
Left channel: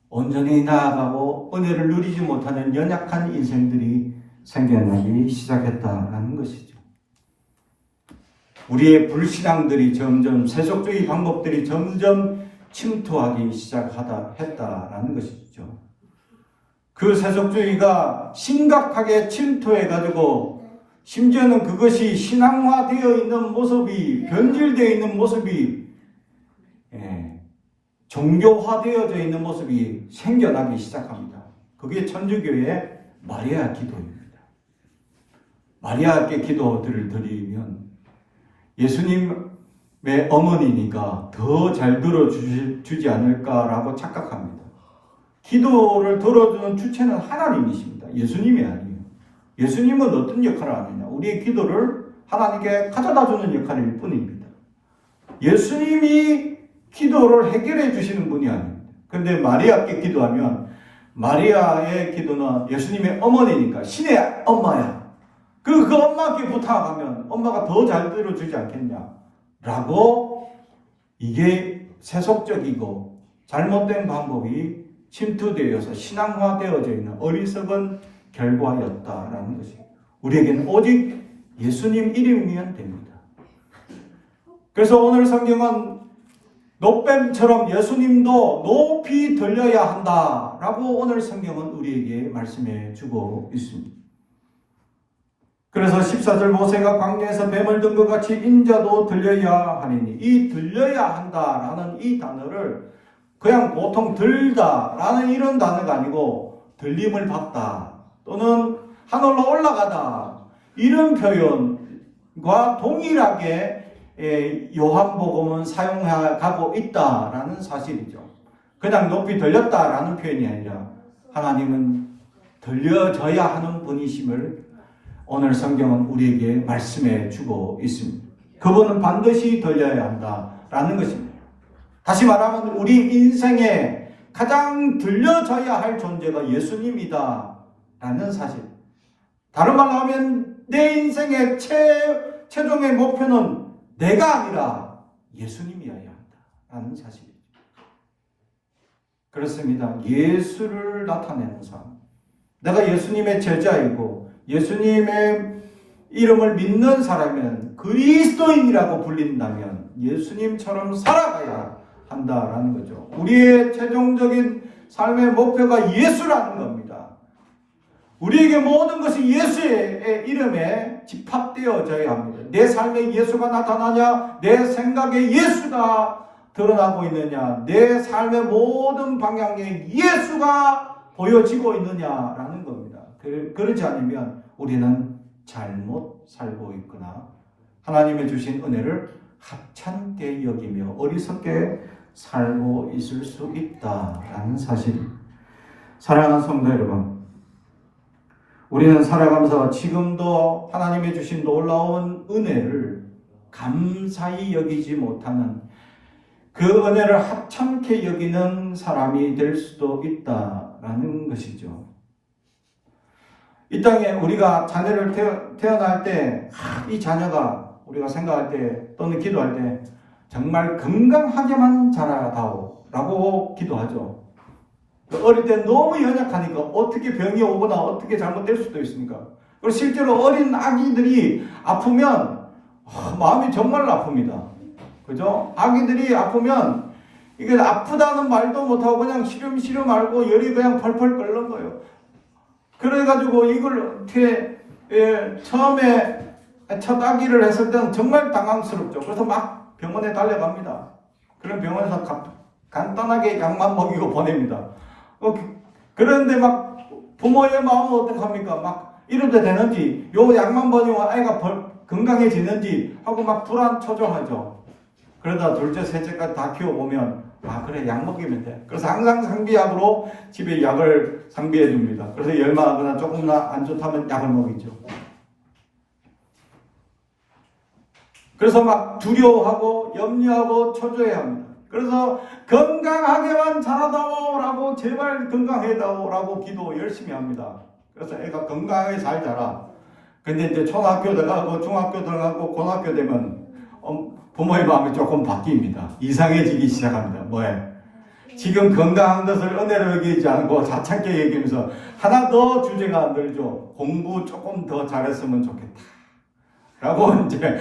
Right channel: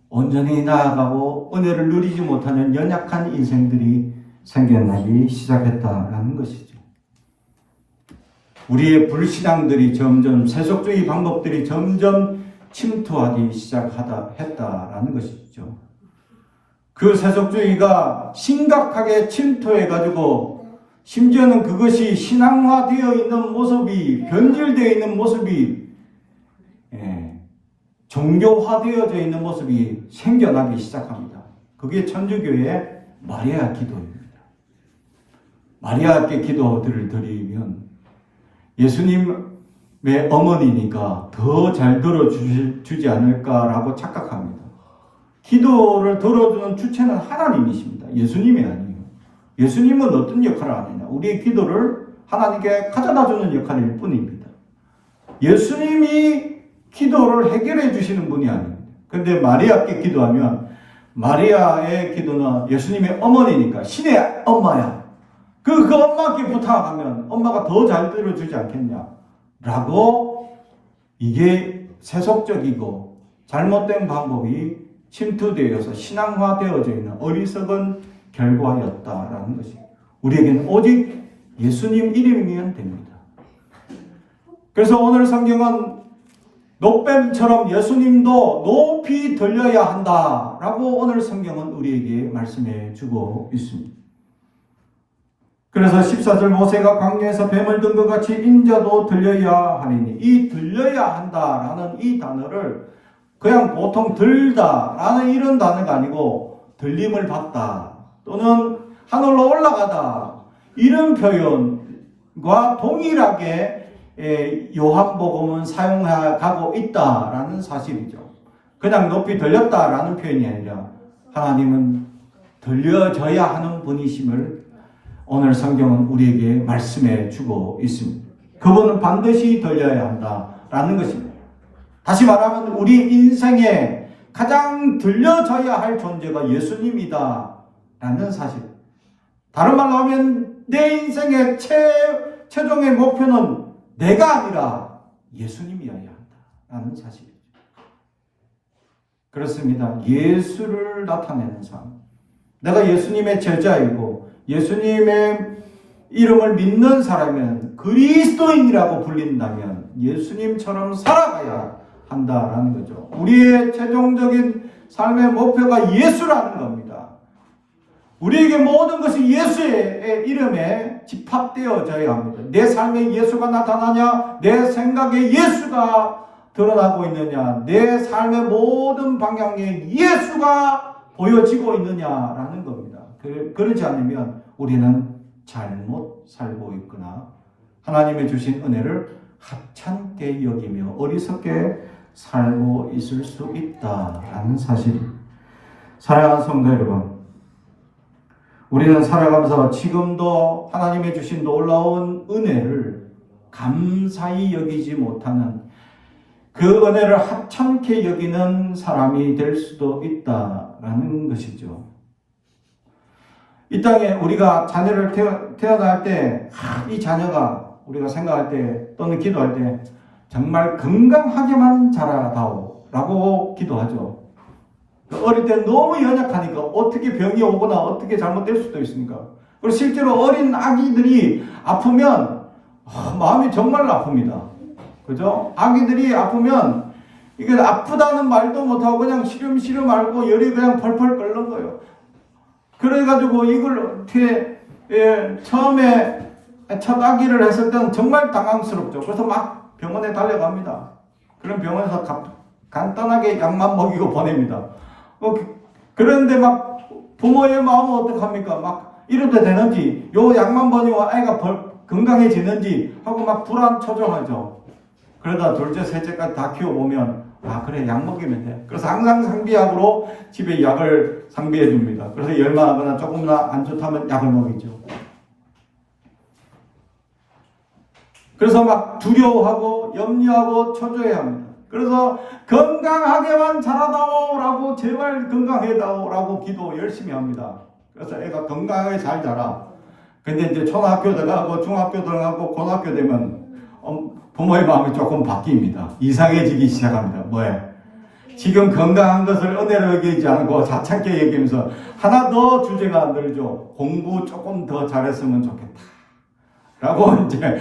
온전히 나아가고 은혜를 누리지 못하는 연약한 인생들이 생겨나기 시작했다라는 것이죠. 우리의 불신앙들이 점점, 세속주의 방법들이 점점 침투하기 시작했다라는 것이죠. 그 세속주의가 심각하게 침투해가지고 심지어는 그것이 신앙화되어 있는 모습이, 변질되어 있는 모습이 종교화되어져 있는 모습이 생겨나기 시작합니다. 그게 천주교의 마리아 기도입니다. 마리아께 기도들을 드리면 예수님의 어머니니까 더 잘 들어주지 않을까라고 착각합니다. 기도를 들어주는 주체는 하나님이십니다. 예수님이 아니에요. 예수님은 어떤 역할을 합니다. 우리의 기도를 하나님께 가져다주는 역할일 뿐입니다. 예수님이 기도를 해결해 주시는 분이 아닙니다. 근데 마리아께 기도하면 마리아의 기도는 예수님의 어머니니까 신의 엄마야. 그 엄마께 부탁하면 엄마가 더 잘 들어주지 않겠냐 라고, 이게 세속적이고 잘못된 방법이 침투되어서 신앙화되어져 있는 어리석은 결과였다라는 것이, 우리에게는 오직 예수님 이름이면 됩니다. 그래서 오늘 성경은 노뱀처럼 예수님도 높이 들려야 한다라고 오늘 성경은 우리에게 말씀해 주고 있습니다. 그래서 14절 모세가 광야에서 뱀을 든 것 같이 인자도 들려야 하리니, 이 들려야 한다라는 이 단어를 그냥 보통 들다라는 이런 단어가 아니고 들림을 받다 또는 하늘로 올라가다 이런 표현과 동일하게 요한복음은 사용하고 있다라는 사실이죠. 그냥 높이 들렸다라는 표현이 아니라 하나님은 들려져야 하는 분이심을 오늘 성경은 우리에게 말씀해 주고 있습니다. 그분은 반드시 들려야 한다라는 것입니다. 다시 말하면 우리 인생에 가장 들려져야 할 존재가 예수님이다라는 사실. 다른 말로 하면 내 인생의 최종의 목표는 내가 아니라 예수님이어야 한다라는 사실이죠. 그렇습니다. 예수를 나타내는 삶. 내가 예수님의 제자이고 예수님의 이름을 믿는 사람이면, 그리스도인이라고 불린다면 예수님처럼 살아가야 한다라는 거죠. 우리의 최종적인 삶의 목표가 예수라는 겁니다. 우리에게 모든 것이 예수의 이름에 집합되어져야 합니다. 내 삶에 예수가 나타나냐, 내 생각에 예수가 드러나고 있느냐, 내 삶의 모든 방향에 예수가 보여지고 있느냐라는 겁니다. 그러지 않으면 우리는 잘못 살고 있거나 하나님의 주신 은혜를 하찮게 여기며 어리석게 살고 있을 수 있다라는 사실입니다. 사랑하는 성도 여러분, 우리는 살아가면서 지금도 하나님의 주신 놀라운 은혜를 감사히 여기지 못하는, 그 은혜를 하찮게 여기는 사람이 될 수도 있다라는 것이죠. 이 땅에 우리가 자녀를 태어날 때, 이 자녀가 우리가 생각할 때 또는 기도할 때 정말 건강하게만 자라다오 라고 기도하죠. 어릴 때 너무 연약하니까 어떻게 병이 오거나 어떻게 잘못될 수도 있으니까. 그리고 실제로 어린 아기들이 아프면 마음이 정말 아픕니다. 그죠? 아기들이 아프면 이게 아프다는 말도 못하고 그냥 시름시름 앓고 열이 그냥 펄펄 끓는 거예요. 그래가지고 이걸 어떻게 처음에 첫 아기를 했을 때는 정말 당황스럽죠. 그래서 막 병원에 달려갑니다. 그럼 병원에서 간단하게 약만 먹이고 보냅니다. 그런데 막 부모의 마음은 어떡합니까? 막 이래도 되는지, 요 약만 먹이고 아이가 건강해지는지 하고 막 불안초조하죠. 그러다 둘째, 셋째까지 다 키워보면 그래, 약 먹이면 돼. 그래서 항상 상비약으로 집에 약을 상비해 줍니다. 그래서 열만하거나 조금이나 안 좋다면 약을 먹이죠. 그래서 막 두려워하고 염려하고 초조해야 합니다. 그래서 건강하게만 자라다오라고, 제발 건강해다오라고 기도 열심히 합니다. 그래서 애가 건강하게 잘 자라. 근데 이제 초등학교 들어가고 중학교 들어가고 고등학교 되면 부모의 마음이 조금 바뀝니다. 이상해지기 시작합니다. 뭐예요? 지금 건강한 것을 은혜로 여기지 않고 자창게 얘기하면서 하나 더 주제가 늘죠. 공부 조금 더 잘했으면 좋겠다 라고 이제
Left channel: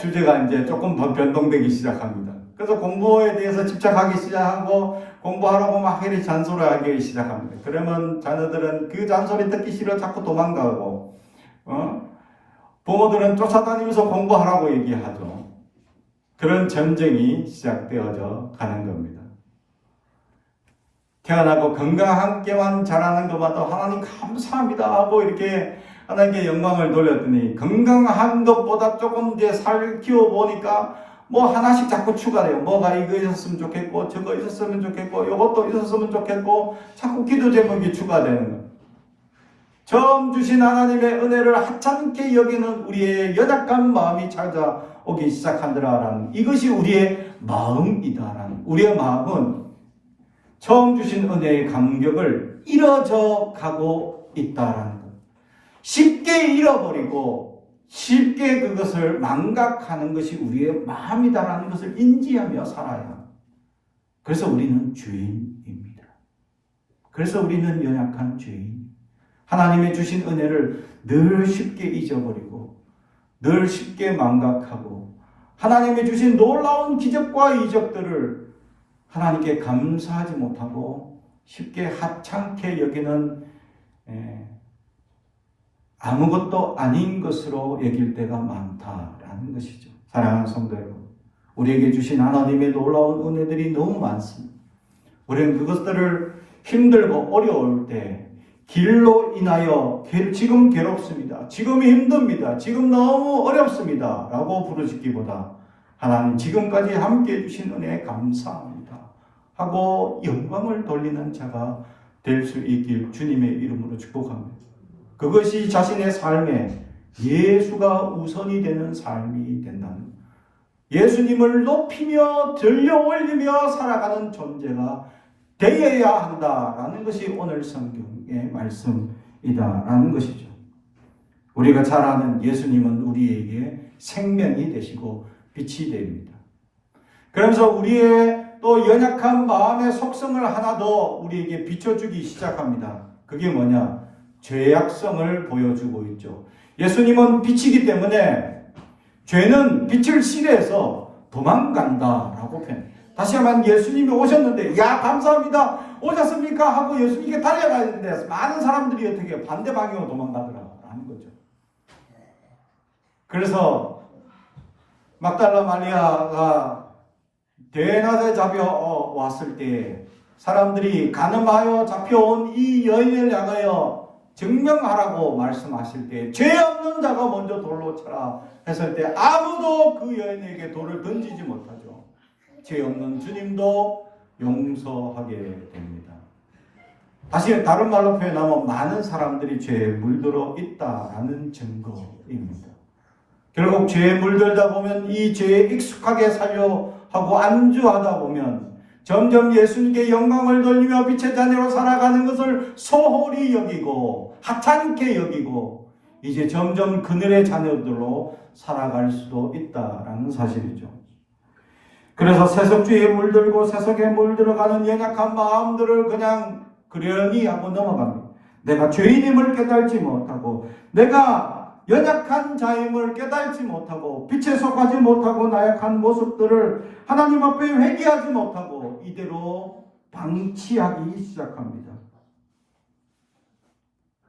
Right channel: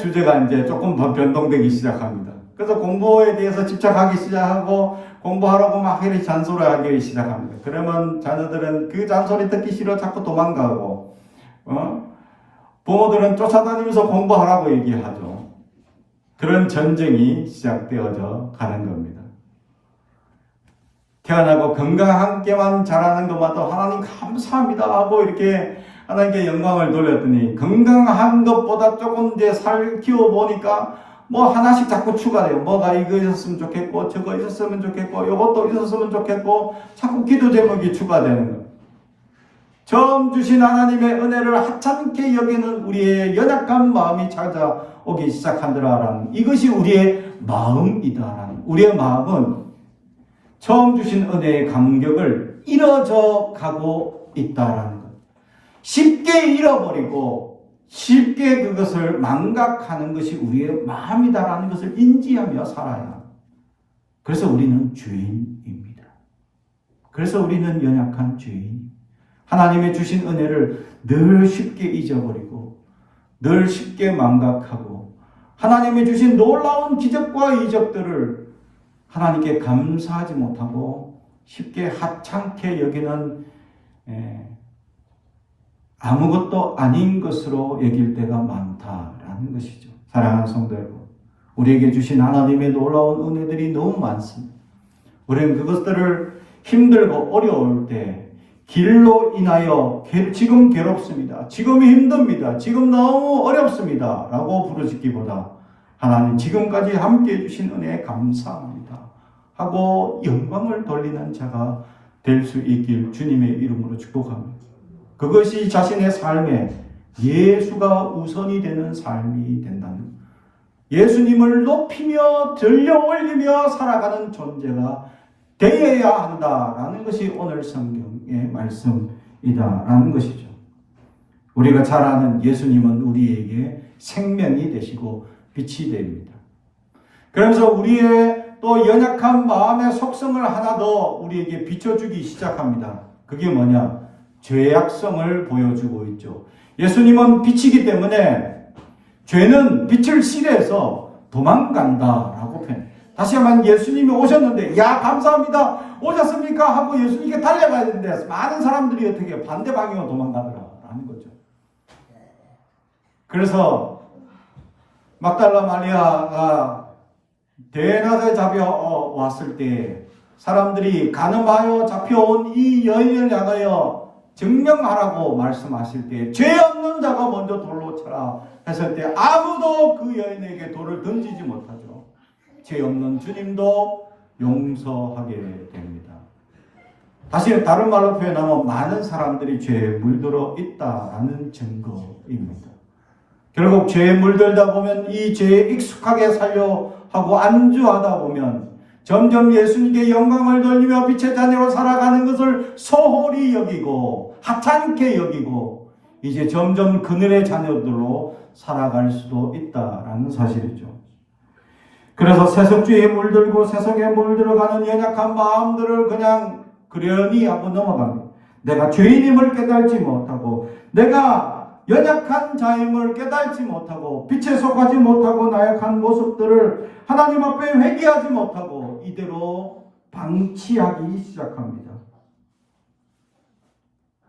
주제가 이제 조금 더 변동되기 시작합니다. 그래서 공부에 대해서 집착하기 시작하고 공부하라고 막 이리 잔소리하기 시작합니다. 그러면 자녀들은 그 잔소리 듣기 싫어 자꾸 도망가고 부모들은 쫓아다니면서 공부하라고 얘기하죠. 그런 전쟁이 시작되어져 가는 겁니다. 태어나고 건강하게만 자라는 것마다 하나님 감사합니다 하고 이렇게 하나님께 영광을 돌렸더니, 건강한 것보다 조금 이제 살 키워보니까 뭐 하나씩 자꾸 추가돼요. 뭐가 이거 있었으면 좋겠고 저거 있었으면 좋겠고 이것도 있었으면 좋겠고 자꾸 기도 제목이 추가되는 거예요. 처음 주신 하나님의 은혜를 하찮게 여기는 우리의 연약한 마음이 찾아오기 시작한다라는, 이것이 우리의 마음이다라는, 우리의 마음은 처음 주신 은혜의 감격을 잃어져 가고 있다라는 것. 쉽게 잃어버리고 쉽게 그것을 망각하는 것이 우리의 마음이다라는 것을 인지하며 살아야 합니다. 그래서 우리는 죄인입니다. 그래서 우리는 연약한 죄인. 하나님의 주신 은혜를 늘 쉽게 잊어버리고 늘 쉽게 망각하고 하나님의 주신 놀라운 기적과 이적들을 하나님께 감사하지 못하고 쉽게 하찮게 여기는 아무것도 아닌 것으로 여길 때가 많다라는 것이죠. 사랑하는 성도 여러분, 우리에게 주신 하나님의 놀라운 은혜들이 너무 많습니다. 우리는 그것들을 힘들고 어려울 때 길로 인하여 지금 괴롭습니다, 지금이 힘듭니다, 지금 너무 어렵습니다 라고 부르짖기보다 하나님 지금까지 함께해 주신 은혜에 감사합니다 하고 영광을 돌리는 자가 될 수 있길 주님의 이름으로 축복합니다. 그것이 자신의 삶에 예수가 우선이 되는 삶이 된다는 것. 예수님을 높이며 들려 올리며 살아가는 존재가 되어야 한다라는 것이 오늘 성경의 말씀이다라는 것이죠. 우리가 잘 아는 예수님은 우리에게 생명이 되시고 빛이 됩니다. 그러면서 우리의 또 연약한 마음의 속성을 하나 더 우리에게 비춰주기 시작합니다. 그게 뭐냐? 죄악성을 보여주고 있죠. 예수님은 빛이기 때문에 죄는 빛을 싫어해서 도망간다라고 표현해요. 다시 한번 예수님이 오셨는데 야 감사합니다 오셨습니까 하고 예수님께 달려가야 되는데 많은 사람들이 어떻게 반대 방향으로 도망가더라라는 거죠. 그래서 막달라 마리아가 대낮에 잡혀왔을 때 사람들이 가늠하여 잡혀온 이 여인을 향하여 증명하라고 말씀하실 때 죄 없는 자가 먼저 돌로 쳐라 했을 때 아무도 그 여인에게 돌을 던지지 못하죠. 죄 없는 주님도 용서하게 됩니다. 다시 다른 말로 표현하면 많은 사람들이 죄에 물들어 있다라는 증거입니다. 결국 죄에 물들다 보면 이 죄에 익숙하게 살려 하고 안주하다 보면 점점 예수님께 영광을 돌리며 빛의 자녀로 살아가는 것을 소홀히 여기고 하찮게 여기고 이제 점점 그늘의 자녀들로 살아갈 수도 있다라는 사실이죠. 그래서 세속주의에 물들고 세속에 물들어가는 연약한 마음들을 그냥 그러니 하고 넘어갑니다. 내가 죄인임을 깨달지 못하고 내가 연약한 자임을 깨달지 못하고 빛에 속하지 못하고 나약한 모습들을 하나님 앞에 회개하지 못하고 이대로 방치하기 시작합니다.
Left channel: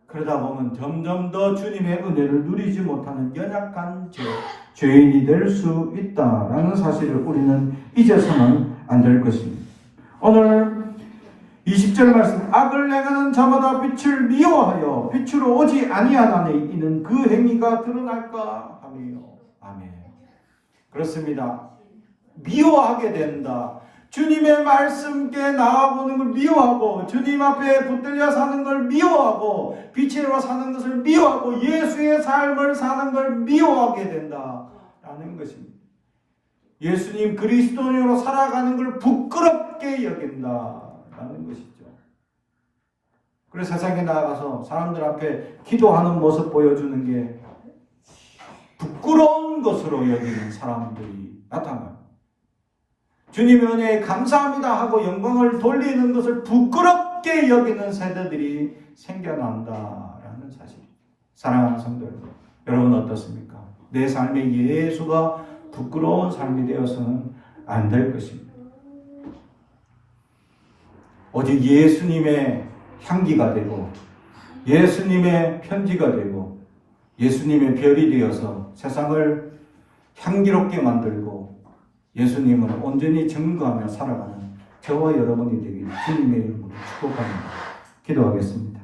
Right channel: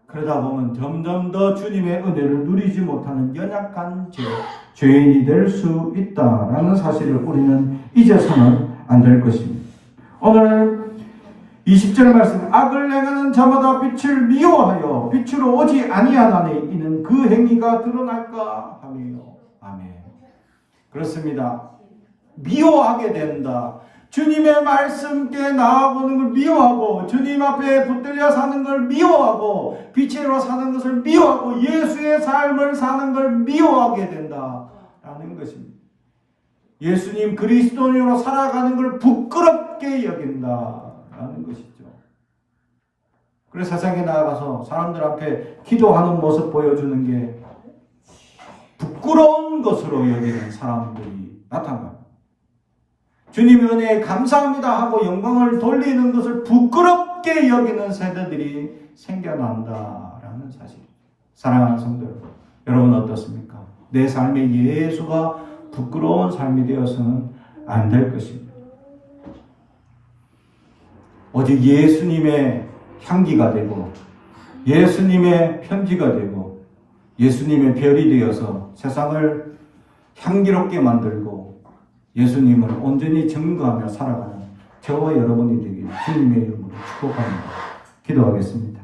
그러다 보면 점점 더 주님의 은혜를 누리지 못하는 연약한 죄인이 될 수 있다라는 사실을 우리는 잊어서는 안 될 것입니다. 오늘 20절 말씀, 악을 행하는 자마다 빛을 미워하여 빛으로 오지 아니하나니 이는 그 행위가 드러날까 하며. 아멘. 그렇습니다. 미워하게 된다. 주님의 말씀께 나아보는 걸 미워하고 주님 앞에 붙들려 사는 걸 미워하고 빛으로 사는 것을 미워하고 예수의 삶을 사는 걸 미워하게 된다라는 것입니다. 예수님 그리스도인으로 살아가는 걸 부끄럽게 여긴다라는 것이죠. 그래서 세상에 나가서 사람들 앞에 기도하는 모습 보여주는 게 부끄러운 것으로 여기는 사람들이 나타납니다. 주님의 은혜에 감사합니다 하고 영광을 돌리는 것을 부끄럽게 여기는 세대들이 생겨난다라는 사실입니다. 사랑하는 성도 여러분 어떻습니까? 내 삶에 예수가 부끄러운 삶이 되어서는 안 될 것입니다. 오직 예수님의 향기가 되고 예수님의 편지가 되고 예수님의 별이 되어서 세상을 향기롭게 만들고 예수님을 온전히 증거하며 살아가는 저와 여러분이 되길 주님의 이름으로 축복합니다. 기도하겠습니다.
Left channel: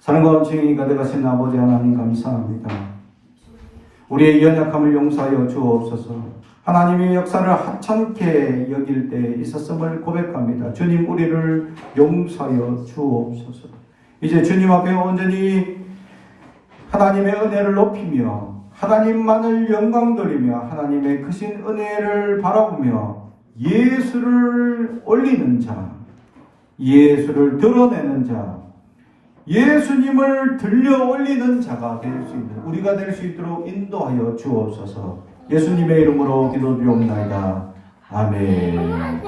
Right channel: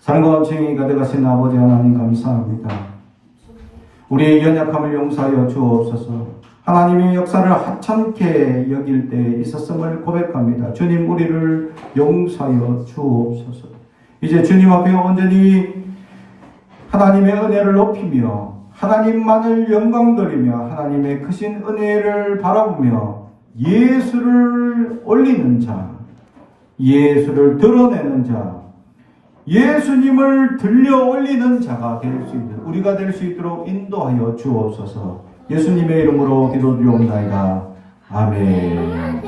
사랑과 감사히 가득하신 아버지 하나님 감사합니다. 우리의 연약함을 용서하여 주옵소서. 하나님의 역사를 하찮게 여길 때 있었음을 고백합니다. 주님 우리를 용서하여 주옵소서. 이제 주님 앞에 온전히 하나님의 은혜를 높이며 하나님만을 영광 돌리며 하나님의 크신 은혜를 바라보며 예수를 올리는 자, 예수를 드러내는 자, 예수님을 들려 올리는 자가 될 수 있는 우리가 될 수 있도록 인도하여 주옵소서. 예수님의 이름으로 기도드리옵나이다. 아멘.